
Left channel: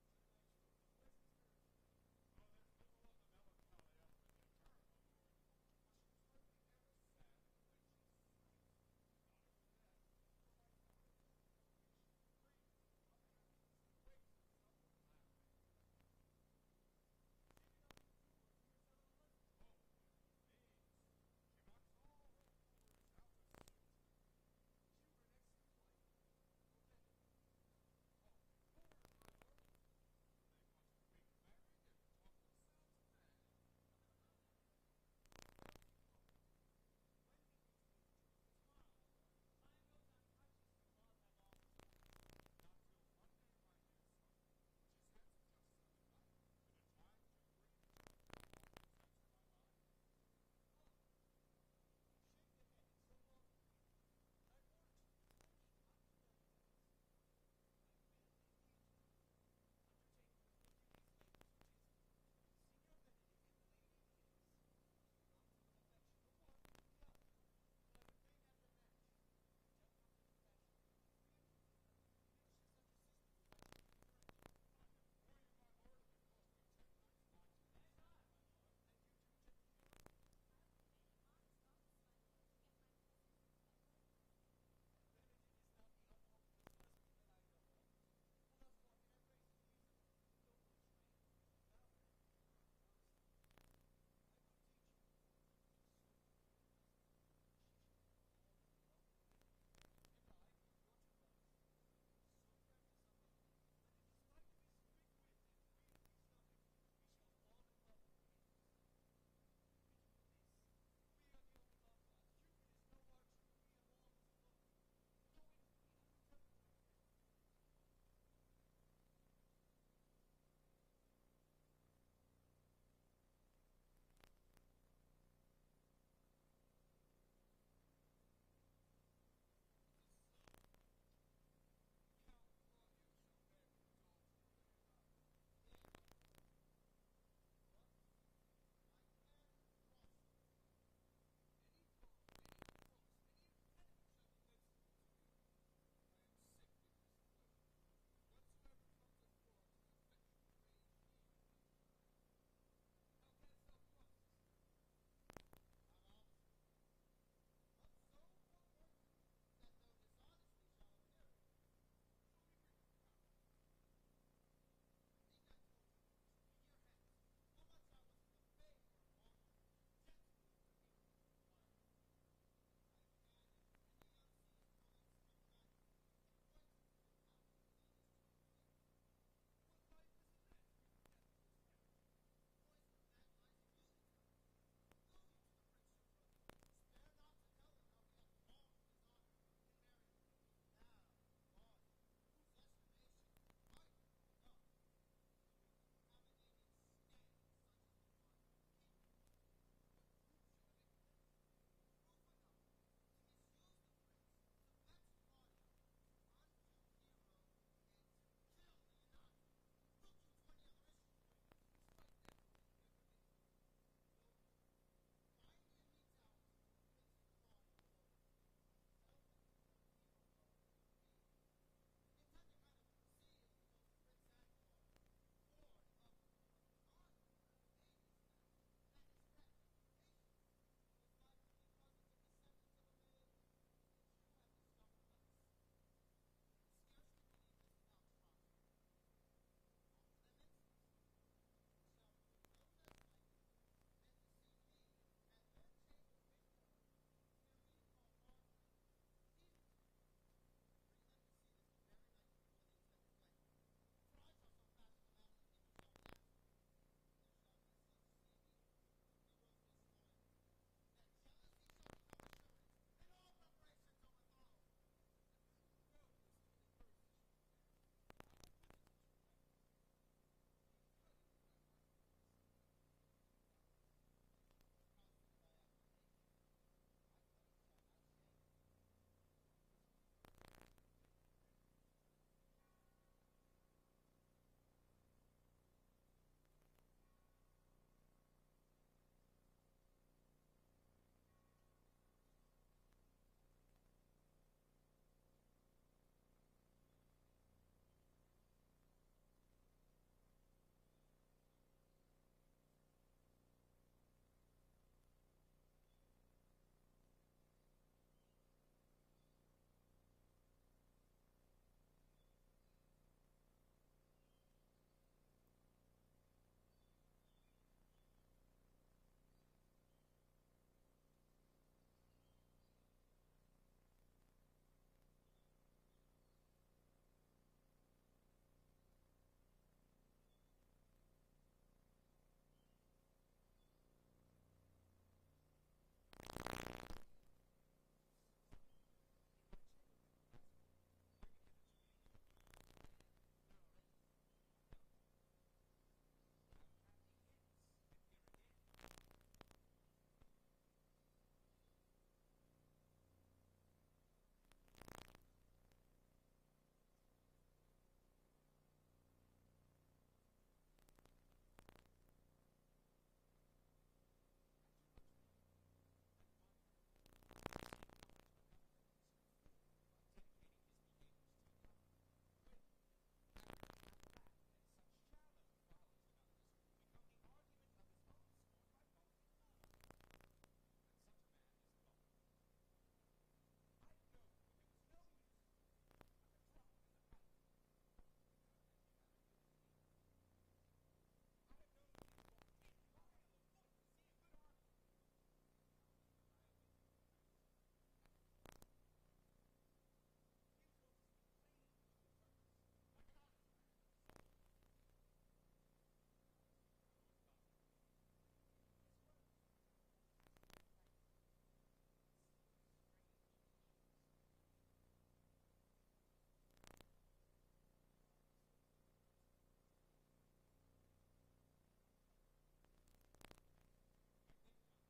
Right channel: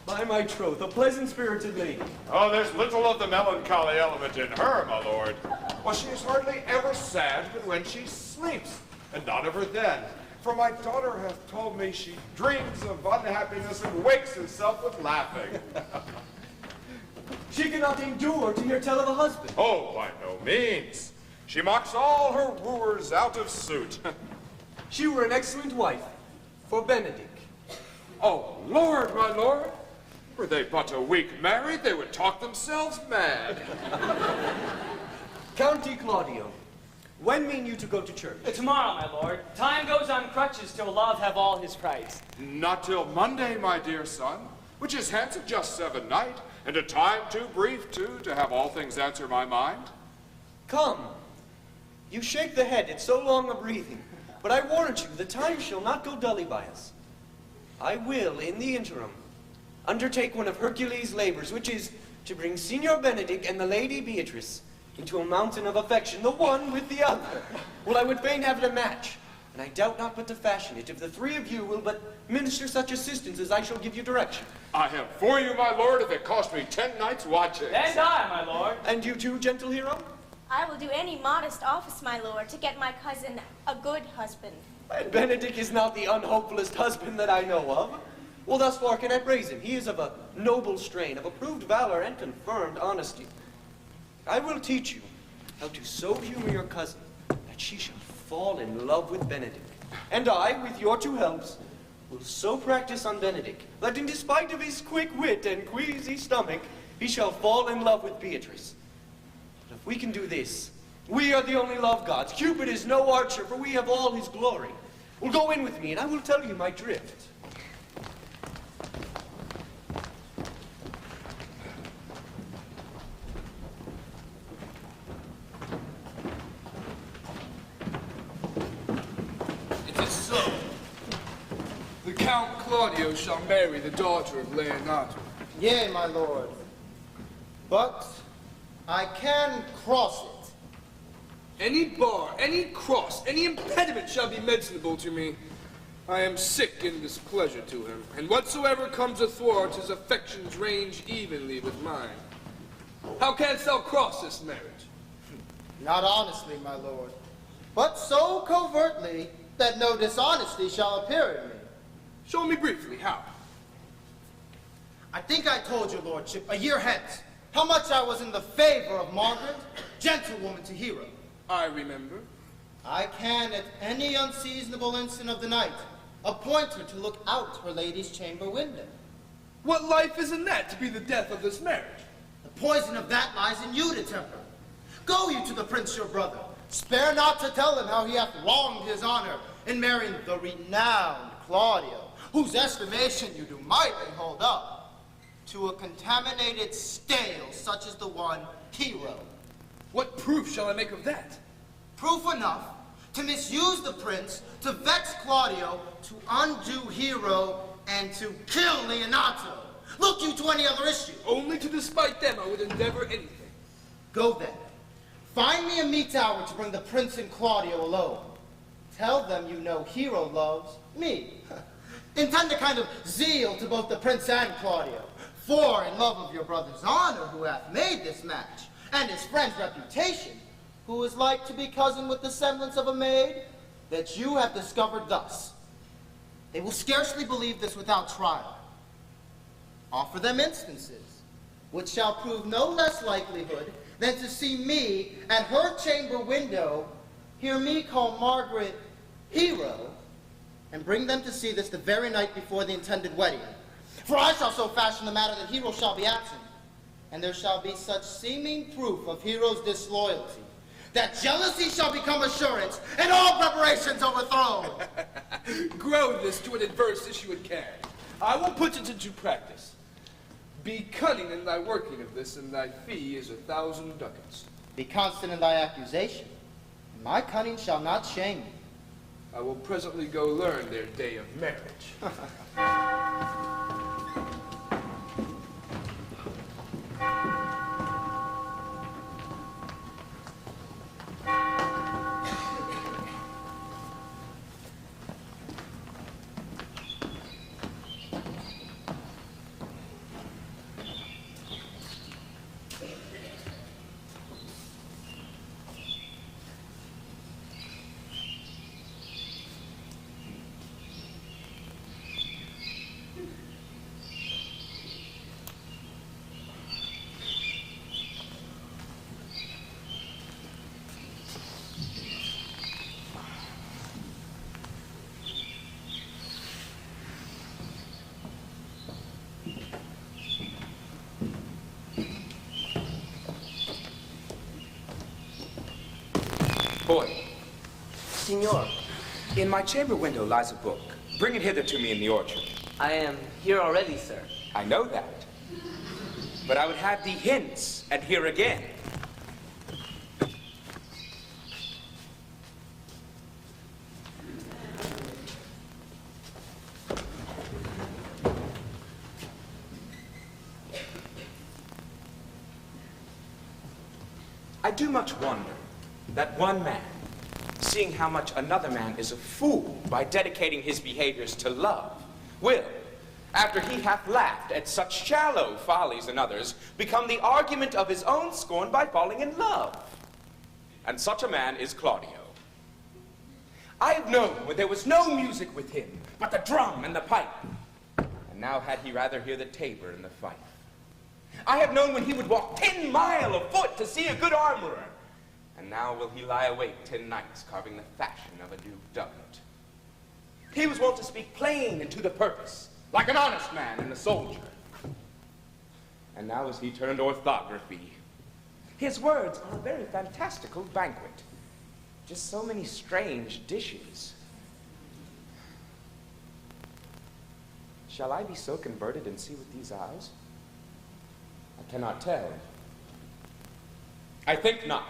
By my troth, a pleasant-spirited lady. Oh, there's little of the melancholy element in her, my lord. Well, she is hardly ever sad but when she sleeps, and not ever then. For my daughter hath told me she dreams of unhappiness and wakes herself with laughing. She cannot endure to hear tell of a husband. Oh, by no means. She mocks all her wooers out of suit. She were an excellent wife for Benedict. Oh, Lord, my lord. Were they but a week married, they would talk themselves mad. County Claudio, when mean you to go to church? Tomorrow, my lord. Time goes on crutches till love have all his price. Not till Monday, my dear son, which is hence of just 7 night, and a time too brief, too, to have all things answer my mind. Come. You shake the head, it's so long a breathing. But I warrant you, the time shall not go dully by us. I will, in the interim, undertake one of Hercules' labors, which is to bring Signor Benedict and the Lady Beatrice into a mountain of affection, the one with the other. Well, I would fain have it a match, and I doubt not but to fashion it, if the 3 of you will but minister such assistance as I shall give you direction. I have for you, my lord, if it cost me 10 nights' watching. And I, my lord. And you too, gentle hero? I will do any modest office, my lord, to get my cousin a good husband. And Benedict is not the unhopefullest husband that I know of. Well, thus far can I praise him. He is of a noble strain, of approved valor and confirmed honesty. I will teach you how to so humor your cousin that she shall fall in love with Benedict. And I, with your two helps, will so practice on Benedict that in despite of his quick wit and queasy stomach, he shall fall in love with Beatrice. But if we can do this, we are the only love gods. Cupid is no archer, for we have all his glory. Well, go in with me, and I will tell you my drift. It is so. The Count Claudio shall marry the daughter of Leonato. Yea, my lord. But I can cross it. Any bar, any cross, any impediment shall be mentionable to me. I am sick in displeasure to him, and whatsoever comes athwart his affections range evenly with mine. How canst thou cross this marriage? Not honestly, my lord, but so covertly that no dishonesty shall appear in me. Show me briefly how. I think I told your lordship a year hence how much I was in the favor of Margaret, gentlewoman to hero. I remember. I can, at any unseasonable instant of the night, appoint her to look out her lady's chamber window. What life is in that to be the death of this marriage? The poison of that lies in you to temper. Go you to the prince your brother. Spare not to tell him how he hath wronged his honor in marrying the renowned Claudio, whose estimation you do mightily hold up, to a contaminated stale such as the one Hero. What proof shall I make of that? Proof enough to misuse the prince, to vex Claudio, to undo Hero, and to kill Leonato. Look you to any other issue. Only to despite them I would endeavor anything. Go then. Find me a meet hour to bring the prince and Claudio alone. Tell them you know Hero loves me. Intend a kind of zeal to both the prince and Claudio. For in love of your brother's honor, who hath made this match, and his friend's reputation, who is like to be cousin with the semblance of a maid, that you have discovered thus. They will scarcely believe this without trial. Offer them instances, which shall prove no less likelihood than to see me at her chamber window, hear me call Margaret Hero, and bring them to see this the very night before the intended wedding. For I shall so fashion the matter that Hero shall be absent, and there shall be such seeming proof of Hero's disloyalty, that jealousy shall become assurance, and all preparations overthrown. Grow this to an adverse issue it can. I will put it into practice. Be cunning in thy working of this, and thy fee is 1,000 ducats. Be constant in thy accusation, and my cunning shall not shame me. I will presently go learn their day of marriage. Boy, Signor, in my chamber window lies a book. Bring it hither to me in the orchard. I am here already, sir. I know that. But I would have thee hence and here again. I do much wonder that one man, seeing how much another man is a fool by dedicating his behaviors to love, will, after he hath laughed at such shallow follies in others, become the argument of his own scorn by falling in love. And such a man is Claudio. I have known when there was no music with him, but the drum and the pipe. And now had he rather hear the tabor and the fife. I have known when he would walk 10 mile afoot to see a good armorer. And now will he lie awake 10 nights carving the fashion of a new doublet. He was wont to speak plain and to the purpose, like an honest man and a soldier. And now is he turned orthography. His words are a very fantastical banquet. Just so many strange dishes. Shall I be so converted and see with these eyes? I cannot tell. I think not.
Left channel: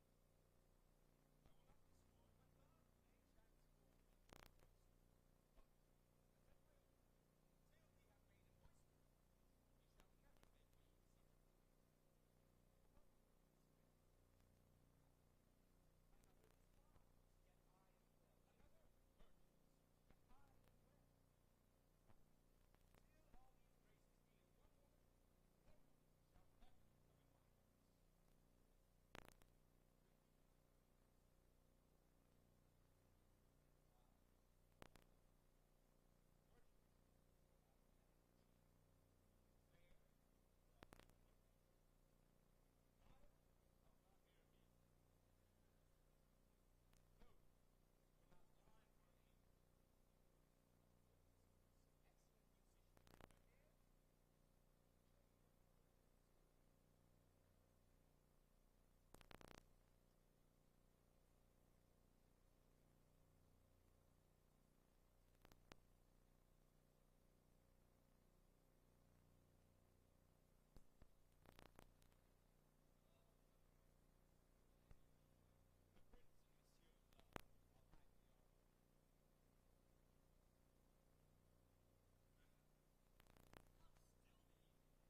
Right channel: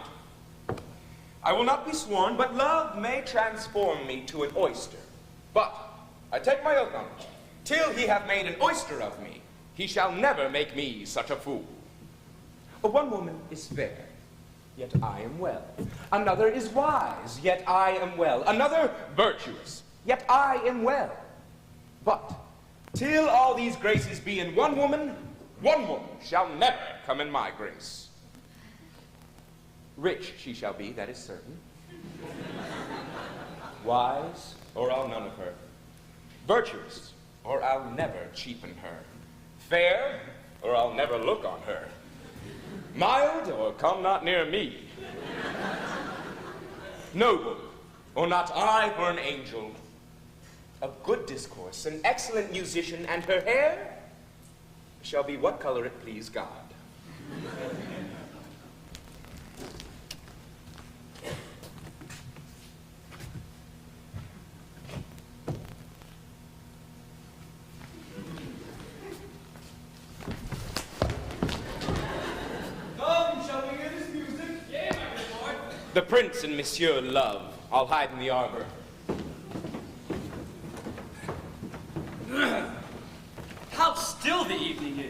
I will not be sworn, but love may transform me to an oyster. But I take my oath on it, till he have made an oyster of me, he shall never make me such a fool. But one woman is fair, yet I am well. Another is wise, yet I am well. Another virtuous, yet I am well. But till all these graces be in one woman shall never come in my grace. Rich she shall be, that is certain. Wise, or I'll none of her. Virtuous, or I'll never cheapen her. Fair, or I'll never look on her. Mild, or come not near me. Noble, or not I for an angel. Of good discourse, an excellent musician, and her hair shall be what color it please God. The prince and Monsieur love. I'll hide in the arbor. How still the evening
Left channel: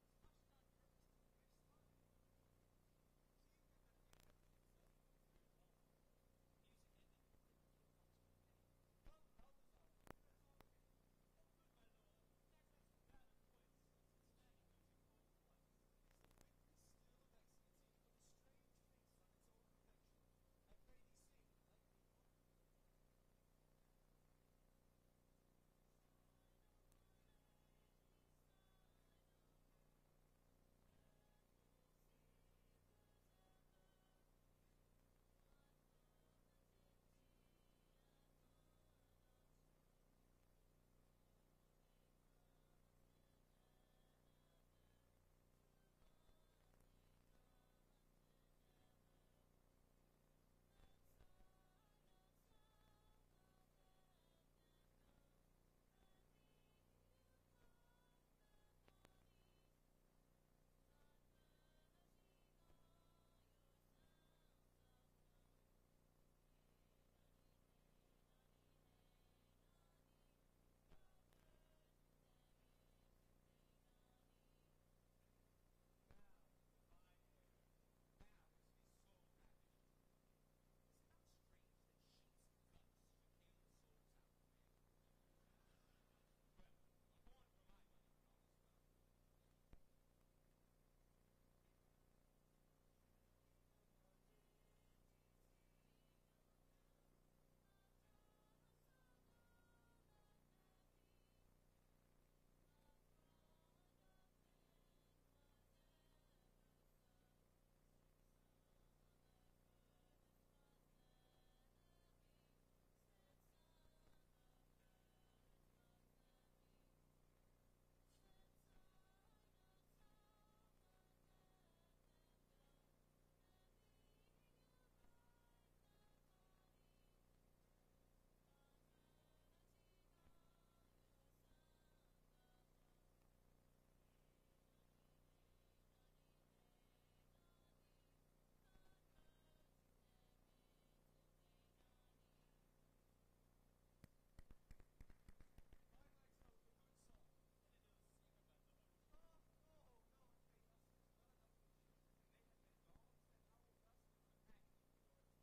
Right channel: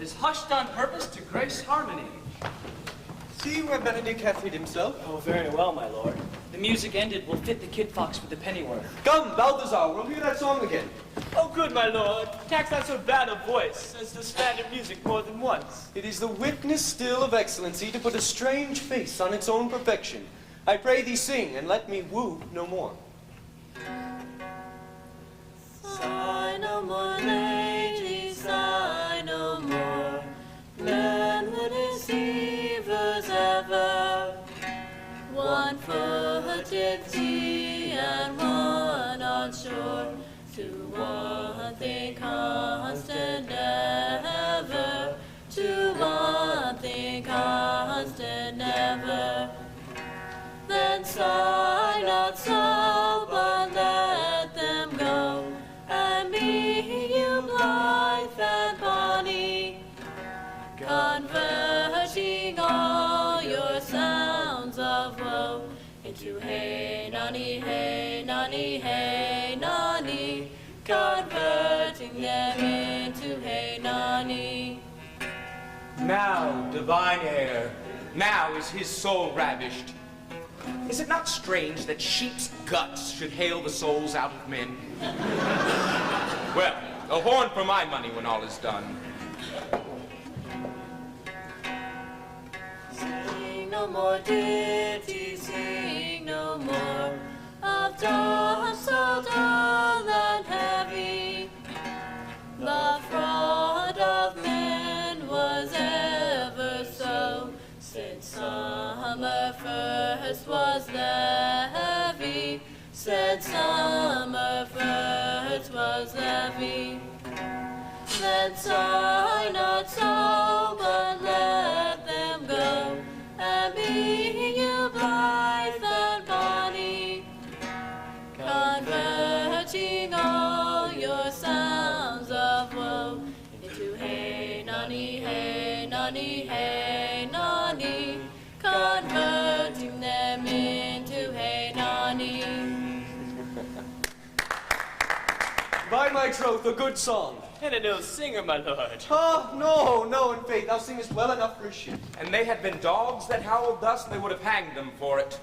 is hushed on purpose to grace harmony. See where Benedict hath hid himself. Oh, very well, my lord. The music ended, we'll fit the kid fox with the pennyworth. Come, Balthazar, we'll hear that song again. Oh, good, my lord. Tax not so bad a voice as to stand in music more than once. It is the witness still of excellency to put a strange face on its own perfection. I pray thee sing, and let me woo no more. Sigh no more, lady, sigh no more. Landward deceivers ever. One foot in sea and one on shore. To one thing constant ever. To one thing constant ever. Then sigh not so, but let them go. And be you blithe and bonny, converting all your sounds of woe into hey nonny, hey nonny, hey nonny, converting them into hey nonny. Now, divine air, now is his soul ravished. Is it not strange that sheep's guts should hale the souls out of men? Well, a horn for my money when all is done. Sing no more ditty, sing no more of dust so dull and heavy. The fraud of men was ever so, since summer first was levy, said summer first was levy. Then sigh not so, but let them go, and be you blithe and bonny, converting all your sounds of woe into hey nonny, hey nonny, hey nonny, converting them into hey nonny. By my troth, a good song. And an ill singer, my lord. Oh, no, in faith, thou singest well enough for a sheep. And they had been dogs that howled thus, they would have hanged them for it.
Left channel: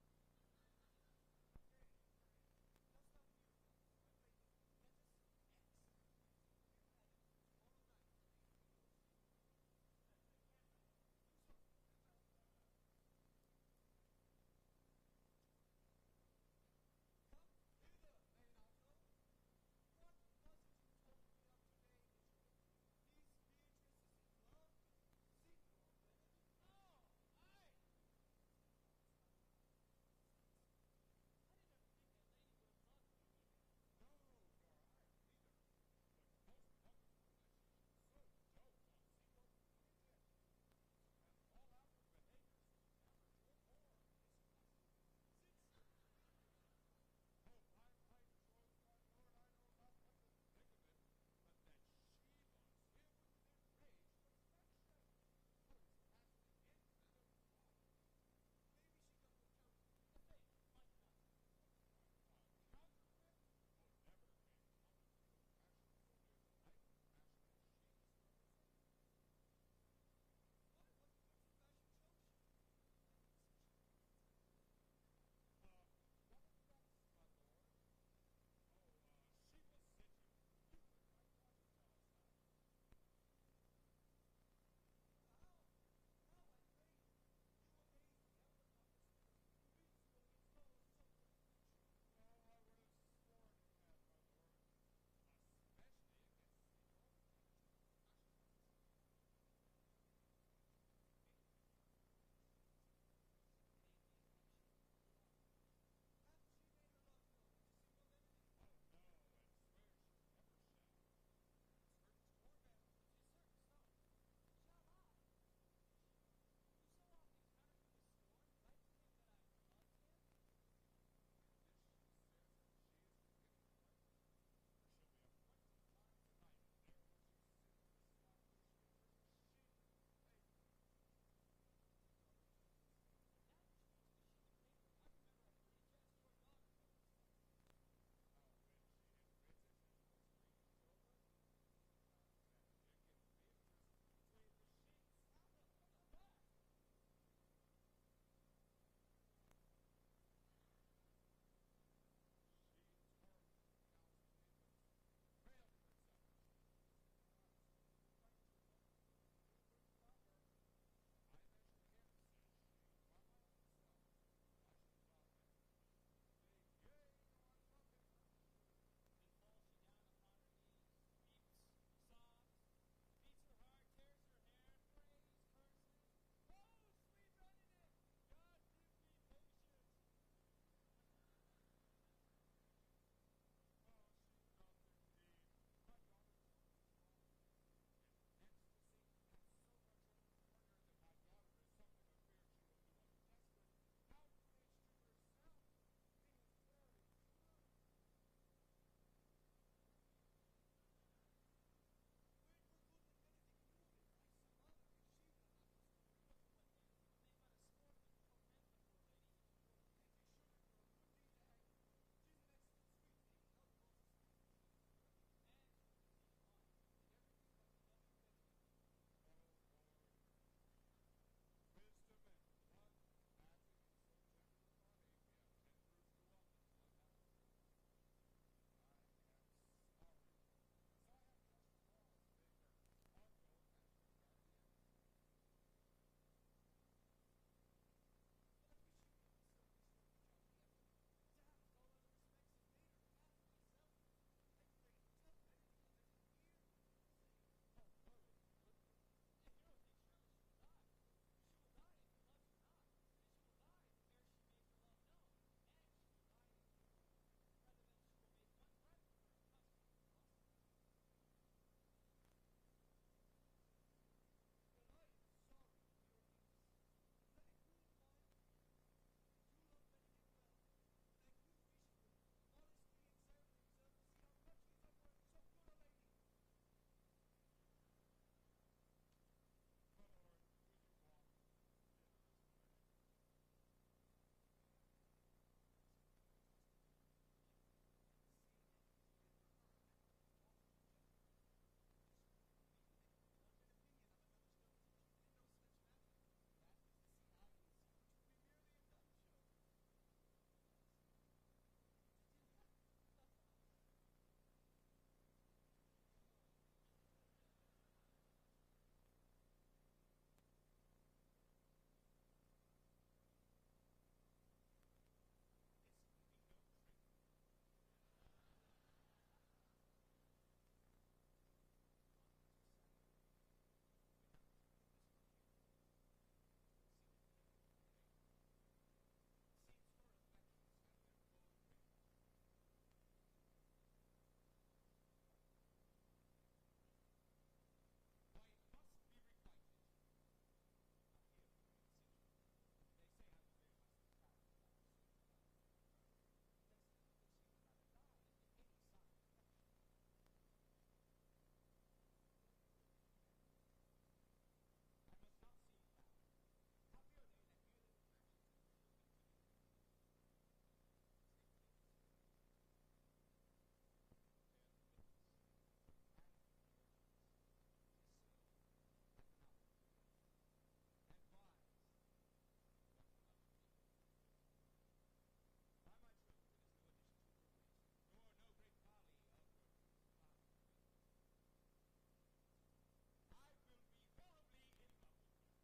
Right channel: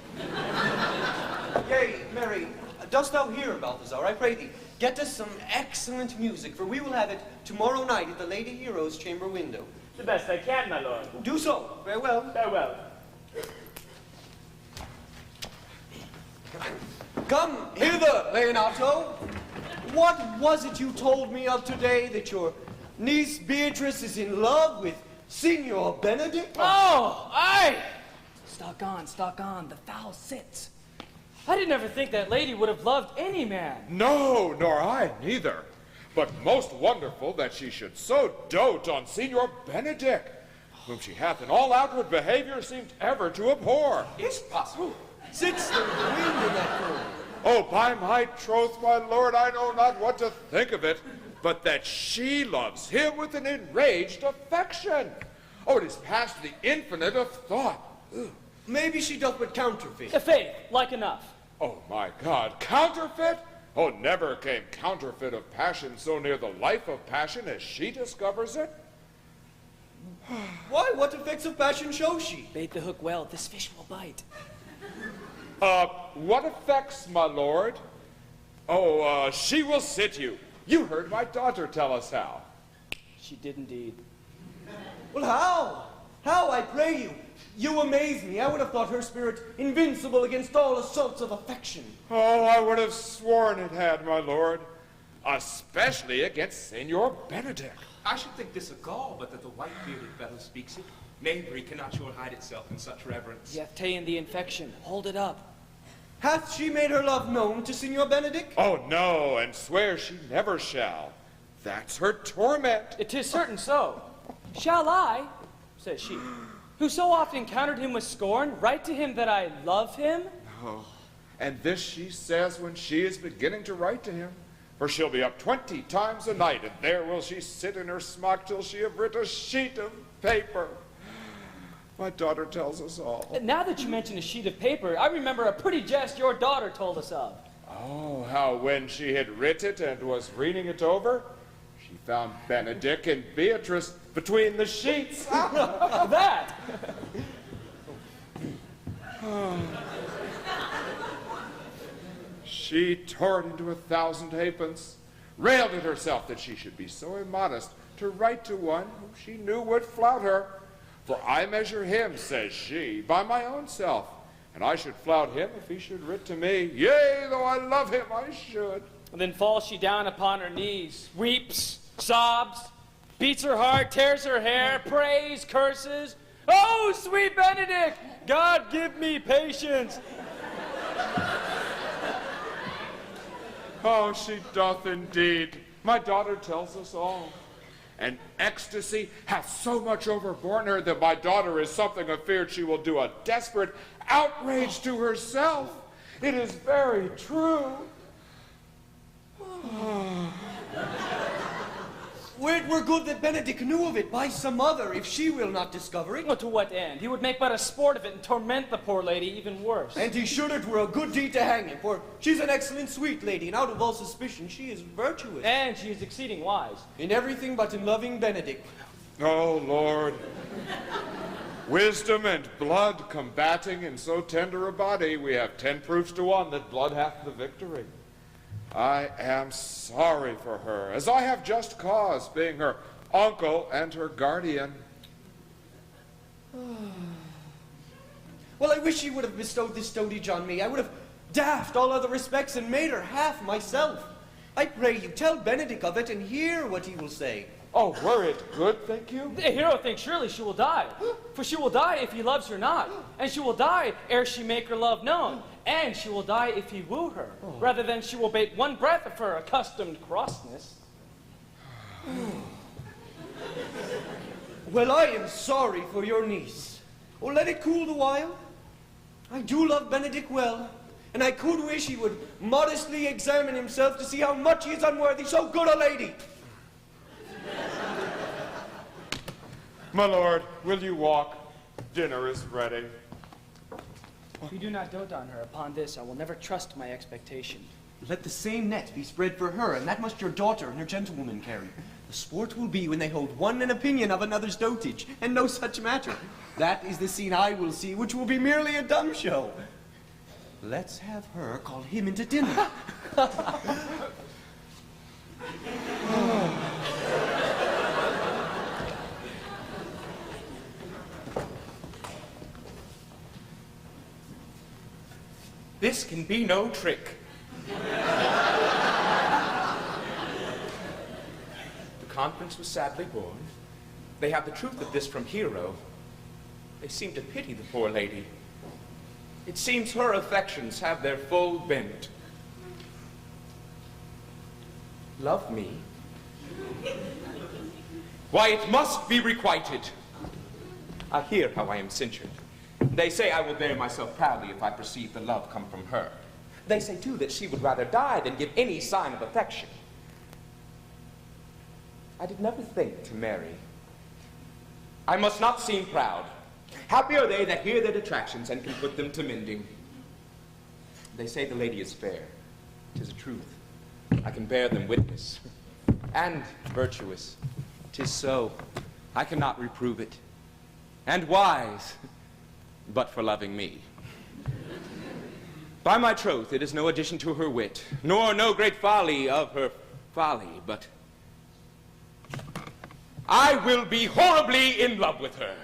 Yea, Mary, dost thou hear, Balthazar? I pray thee, get us some excellent music, for we will have it tomorrow night at the Lady Hero's chamber window. The best I can, my lord. Do so. Farewell. Farewell. Come hither, Leonato. What was it you told me of today, that your niece Beatrice is in love with Signor Benedict? Oh, aye! Stock on, the foul sits. I didn't ever think that lady would have loved any man. No, nor I neither. But most wonderful that she should so dote on Signor Benedict, whom she hath in all outward behavior seemed ever to abhor. Is it possible? Sits the wind in that room. Oh, by my troth, my lord, I know not what to think of it, but that she loves him with an enraged affection. Oh, it is past the infinite of thought. Ugh. Maybe she doth but counterfeit. Faith, like enough. Oh, my God, counterfeit? Oh, never came counterfeit of passion so near the life of passion as she discovers it. Why, what effects of passion shows she? Bait the hook well, this fish will bite. What effects, my lord? Oh, she will sit you. You heard my daughter tell us how. She did indeed. Well, how? How, I pray you? You amaze me. I would have thought her spirit invincible against all assaults of affection. Oh, I would have sworn it had, my lord. Especially against Signor Benedict. I should think this a gall, but that the white-bearded fellow speaks it. Knavery cannot sure hide itself in such reverence. Yet ta'en the infection. Hold it up. Hath she made her love known to Signor Benedict? Oh, no, and swears she never shall. That's her torment. It is certain so. Shall I, says she, who so oft encountered him with scorn, write to him that I love him? Oh, and this she says when she is beginning to write to him. For she'll be up 20 times a night, and there will she sit in her smock till she have writ a sheet of paper. My daughter tells us all. Now that you mention a sheet of paper, I remember a pretty jest your daughter told us of. Oh, how when she had writ it and was reading it over, she found Benedict and Beatrice between the sheets. That! She tore it into 1,000 halfpence, railed at herself that she should be so immodest to write to one whom she knew would flout her. For I measure him, says she, by my own self, and I should flout him if he should writ to me. Yea, though I love him, I should. And then falls she down upon her knees, weeps, sobs, beats her heart, tears her hair, prays, curses. Oh, sweet Benedict, God give me patience. Oh, she doth indeed. My daughter tells us all. And ecstasy hath so much overborne her that my daughter is something afeard she will do a desperate outrage to herself. It is very true. Were it were good that Benedict knew of it by some other, if she will not discover it. Well, to what end? He would make but a sport of it and torment the poor lady even worse. And he should it were a good deed to hang him, for she's an excellent sweet lady, and out of all suspicion she is virtuous. And she is exceeding wise. In everything but in loving Benedict. Oh, Lord. Wisdom and blood combating in so tender a body, we have 10 proofs to 1 that blood hath the victory. I am sorry for her, as I have just cause, being her uncle and her guardian. Well, I wish she would have bestowed this dotage on me. I would have daffed all other respects and made her half myself. I pray you, tell Benedict of it and hear what he will say. Oh, were it good, think you? The hero thinks surely she will die. For she will die if he loves her not. And she will die ere she make her love known. And she will die if he woo her, rather than she will bate one breath of her accustomed crossness. Well, I am sorry for your niece. Oh, let it cool the while. I do love Benedict well, and I could wish he would modestly examine himself to see how much he is unworthy so good a lady. My lord, will you walk? Dinner is ready. If you do not dote on her, upon this I will never trust my expectation. Let the same net be spread for her, and that must your daughter and her gentlewoman carry. The sport will be when they hold one an opinion of another's dotage, and no such matter. That is the scene I will see, which will be merely a dumb show. Let's have her call him into dinner. This can be no trick. The conference was sadly born. They have the truth of this from Hero. They seem to pity the poor lady. It seems her affections have their full bent. Love me? Why, it must be requited. I hear how I am censured. They say I will bear myself proudly if I perceive the love come from her. They say, too, that she would rather die than give any sign of affection. I did never think to marry. I must not seem proud. Happy are they that hear their detractions and can put them to mending. They say the lady is fair. 'Tis a truth. I can bear them witness. And virtuous. 'Tis so. I cannot reprove it. And wise, but for loving me. By my troth, it is no addition to her wit, nor no great folly of her folly, but I will be horribly in love with her.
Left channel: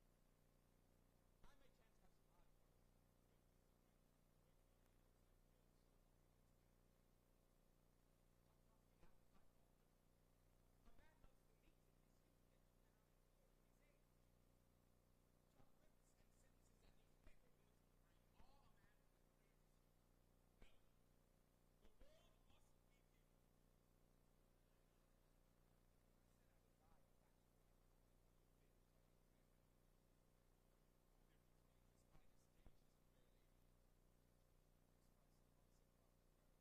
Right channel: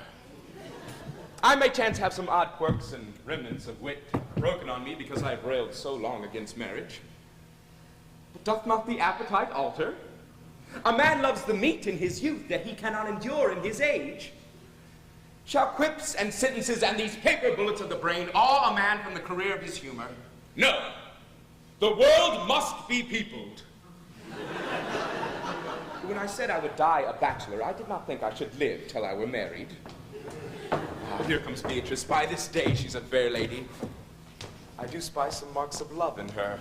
I may chance have some odd quirks and remnants of wit broken on me because I have railed so long against marriage. But doth not the appetite alter? A man loves the meat in his youth that he cannot endure in his age. Shall quips and sentences and these paper bullets of the brain awe a man from the career of his humor? No. The world must be peopled. When I said I would die a bachelor, I did not think I should live till I were married. Here comes Beatrice. By this day, she's a fair lady. I do spy some marks of love in her.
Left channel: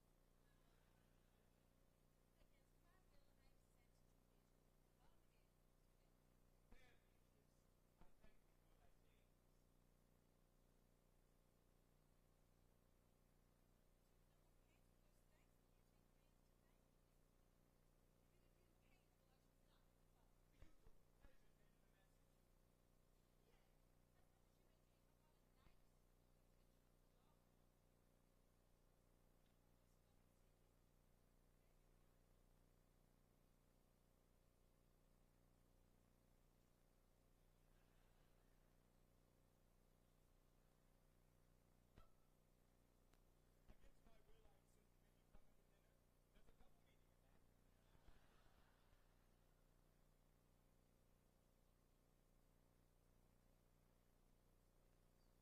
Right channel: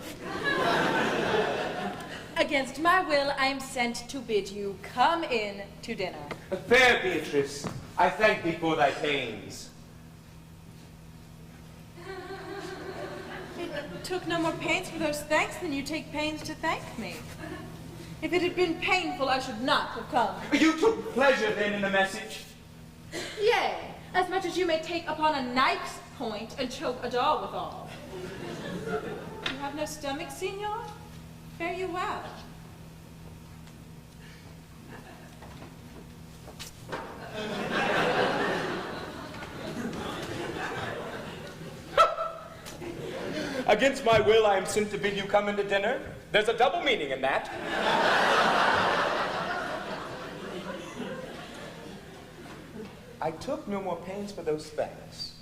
Against my will, I am sent to bid you come in to dinner. Fair Beatrice, I thank thee for thy pains. It took no more pains for those thanks than you take pains to thank me. If it had been painful, I should not have come. You took pleasure then in the message? Yea, as much as you may take upon a knife's point and choke a dog withal. You have no stomach, Signor? Fare you well. Against my will, I am sent to bid you come into dinner. There's a double meaning in that. I took no more pains for those thanks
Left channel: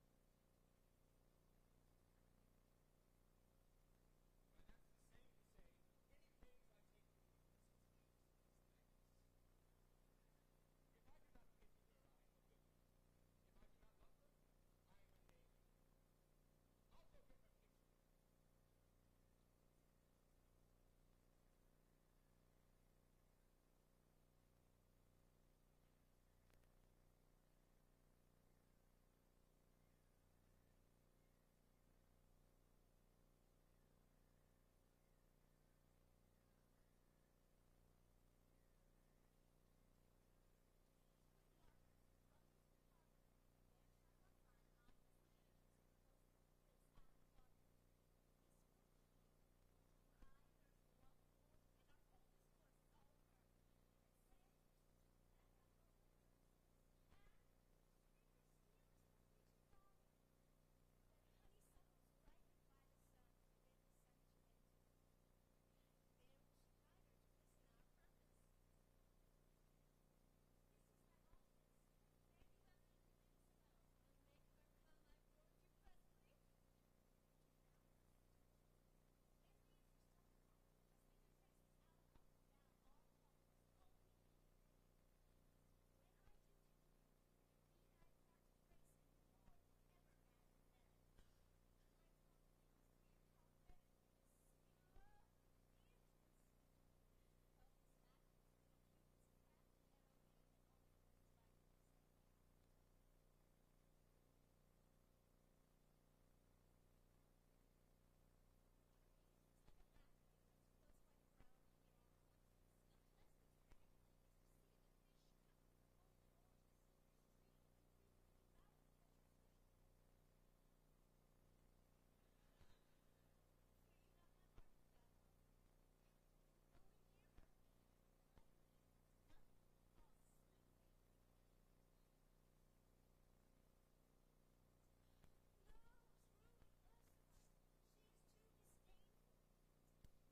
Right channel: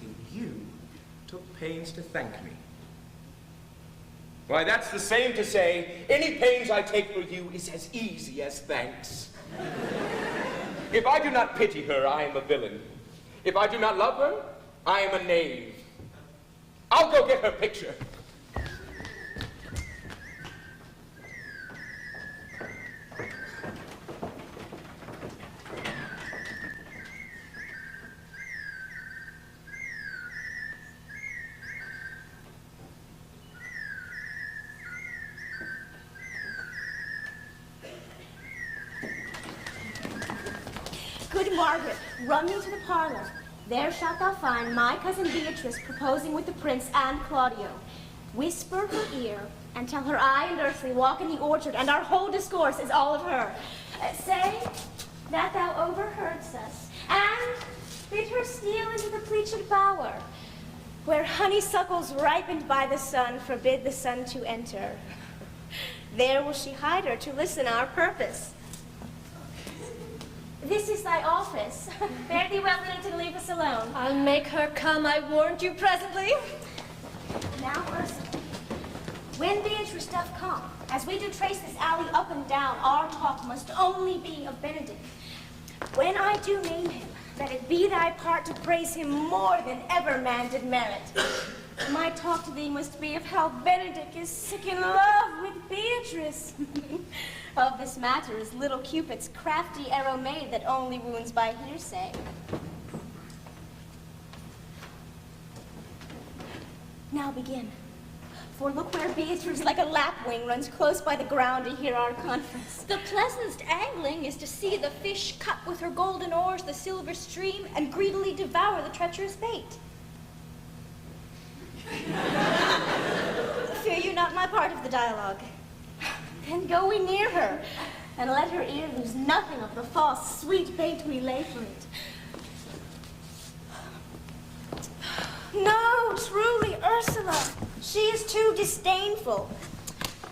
than you took pains to thank me. Why, that's the same to say, any pains I take for you is as easy as thanks. If I do not pity her, I am a villain. If I do not love her, I am a knave. I'll go get her picture. Good Margaret, run me to the parlor. There shalt thou find my cousin Beatrice proposing with the prince and Claudio. Whisper her ear, and tell her I and Ursula walk in the orchard, and our whole discourse is all of her. Say that thou overheardst us, and bid her steal into the pleached bower, where honeysuckles ripened by the sun forbid the sun to enter. There will she hide her to listen our purpose. This is thy office. Fare thee well, and leave us alone. I'll make her come, I warned you presently. Now, Ursula, when Beatrice doth come, as we do trace this alley up and down, our talk must only be of Benedict. When I do name him, that it be thy part to praise him more than ever man did merit. My talk to thee must be of how Benedict is sick in love with Beatrice. Of this matter is little Cupid's crafty arrow made that only wounds by hearsay. Now begin. For look where Beatrice like a lapwing runs close by the ground to hear our conference. The pleasantest angling is to see the fish cut with her golden oars the silver stream and greedily devour the treacherous bait. Fear you not my part of the dialogue. Then go we near her, and let her ear lose nothing of the false, sweet bait we lay for it. No, truly, She is too disdainful.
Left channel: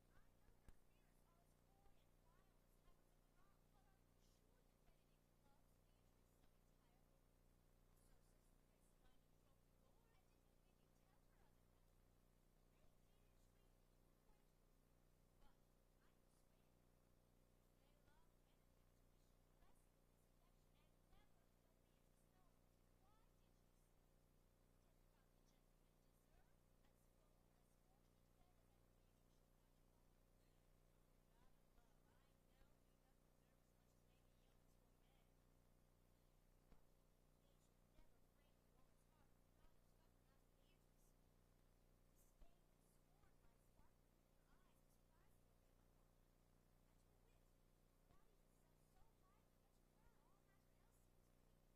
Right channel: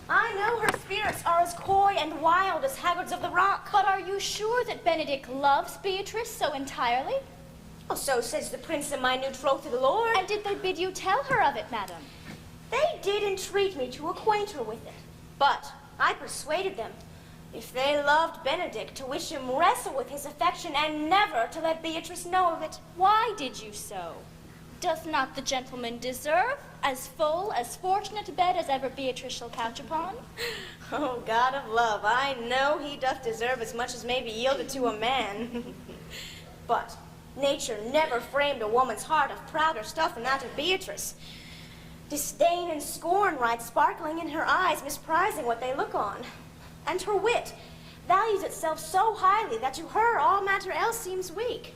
I know her spirits are as coy and wild as haggards of the rock. But are you sure that Benedict loves Beatrice so entirely? Well, so says the prince and my new betrothed lord. And did they bid you tell her of it, madam? They did entreat me to acquaint her with it, but I persuaded them, if they loved Benedict, to wish him wrestle with his affection and never to let Beatrice know of it. Why did you so? Doth not the gentleman deserve as full, as fortunate a bed as ever Beatrice shall couch upon? Oh, God of love, I know he doth deserve as much as may be yielded to a man. But nature never framed a woman's heart of prouder stuff than that of Beatrice. Disdain and scorn ride sparkling in her eyes, misprizing what they look on. And her wit values itself so highly that to her all matter else seems weak.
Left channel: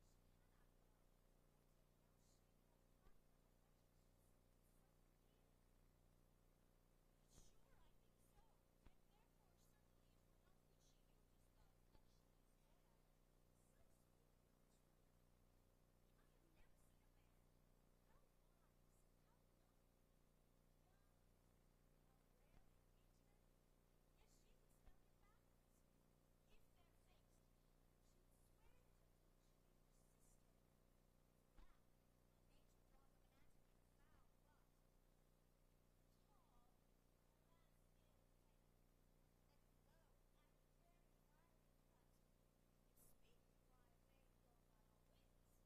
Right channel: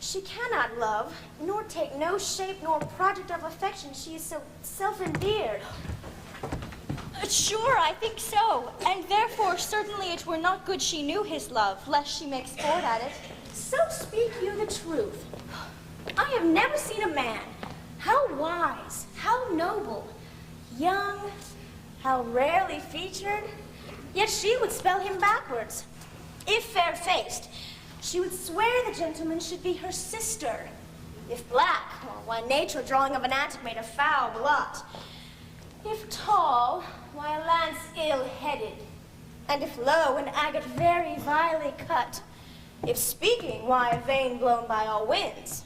She cannot love, nor take no shape nor project of affection. She is so self-endeared. Sure, I think so. And therefore, certainly it were not good she knew his love, lest she make sport at it. So speak you the truth. I have never seen a man, how wise, how noble, young, how rarely featured, yet she would spell him backwards. If fair-faced, she would swear the gentleman should be her sister. If black, well, why nature drawing of an antic made a foul blot. If tall, why a lance ill-headed. And if low, an agate very vilely cut. If speaking, why a vein blown by all winds.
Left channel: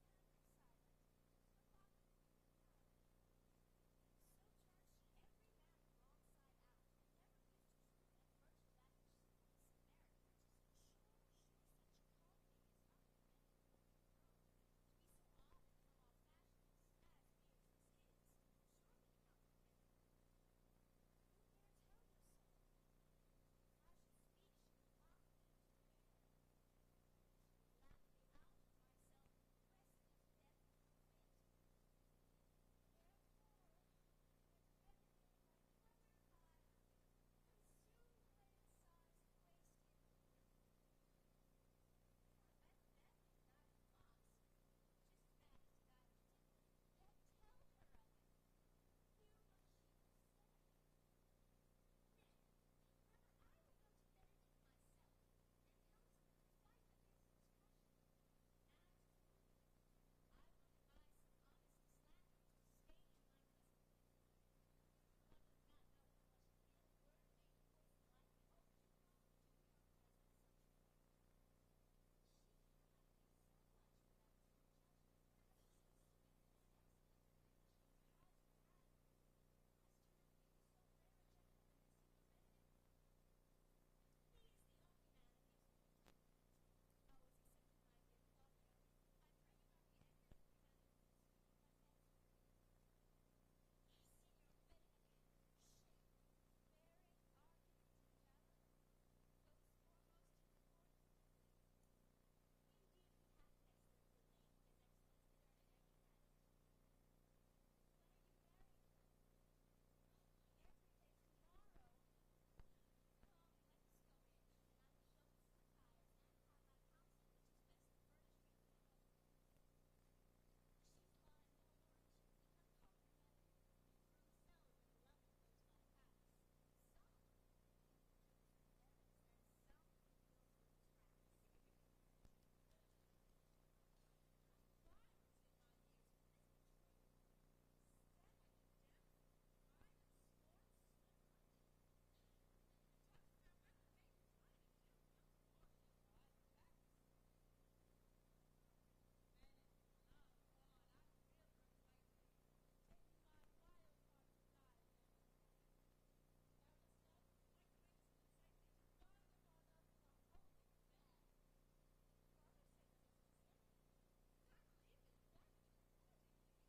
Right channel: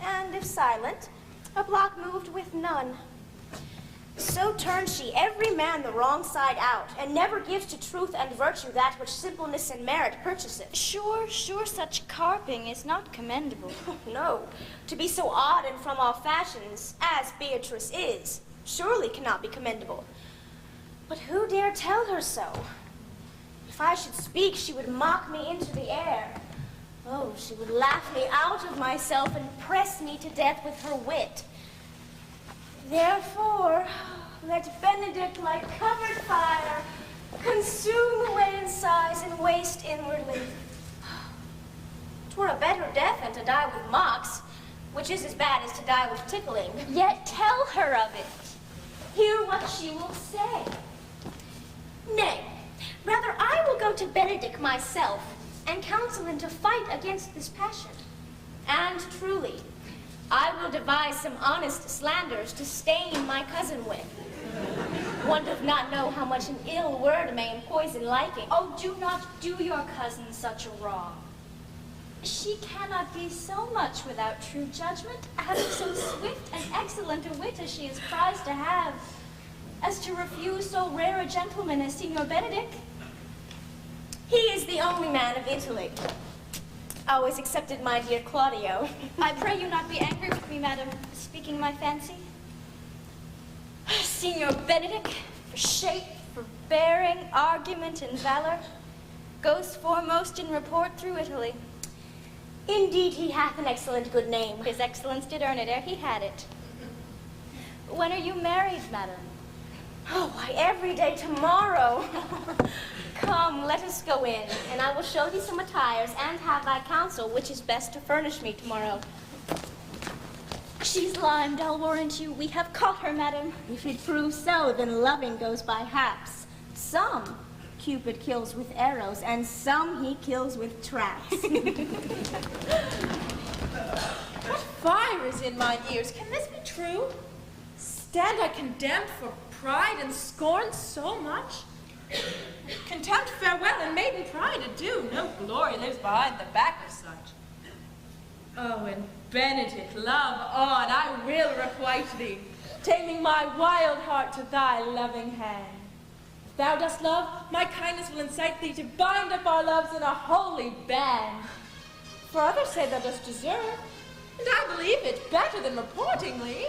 And if silent, a block moved with none. So turns she every man the wrong side out, and never gives to truth and virtue that which simpleness and merit purchaseth. Sure, such carping is not commendable. No, to be so odd and from all fashions, as Beatrice is, surely cannot be commendable. But who dare tell her so? If I should speak, she would mock me into the air. Oh, she would laugh me out of myself and press me to death with her wit. Therefore, let Benedict, like covered fire, consume away in sighs and waste inwardly. 'Twere a better death than to die with mocks, which is as bad as to die with tickling. Yet tell her of it. Hear what she will say. Nay, rather I will go to Benedict myself and counsel him to fight against this passion. And truly, I will devise some honest slanders to stain my cousin with. One doth not know how much an ill word may empoison liking. Oh, do not do your cousin such a wrong. She cannot be so much without true judgment, having so swift and excellent a wit as she is prized to have, as to refuse so rare a gentleman as Signor Benedict. He is the only man of Italy. Always accepted my dear Claudio. I pray you not be angry with me, madam, speaking my fancy. Signor Benedict, for shape, for bearing, argument, and valor, goes foremost in report through Italy. Indeed, he hath an excellent good name. His excellence did earn it ere he had it. When are you married, madam? Oh, why, every day tomorrow. Come, let us go in, and I will show thee some attires and have thy counsel which is best to furnish me tomorrow. She's limed, I'll warrant you. We have caught her, madam. If it proves so, then loving goes by haps. Some Cupid kills with arrows, and some he kills with traps. What fire is in mine ears? Can this be true? Stand I condemned for pride and scorn so much? Contempt, farewell, and maiden pride adieu. No glory lives behind the back of such. Oh, and Benedict, love on, I will requite thee, taming my wild heart to thy loving hand. If thou dost love, my kindness will incite thee to bind up our loves in a holy band. For others say thou dost deserve, and I believe it better than reportingly.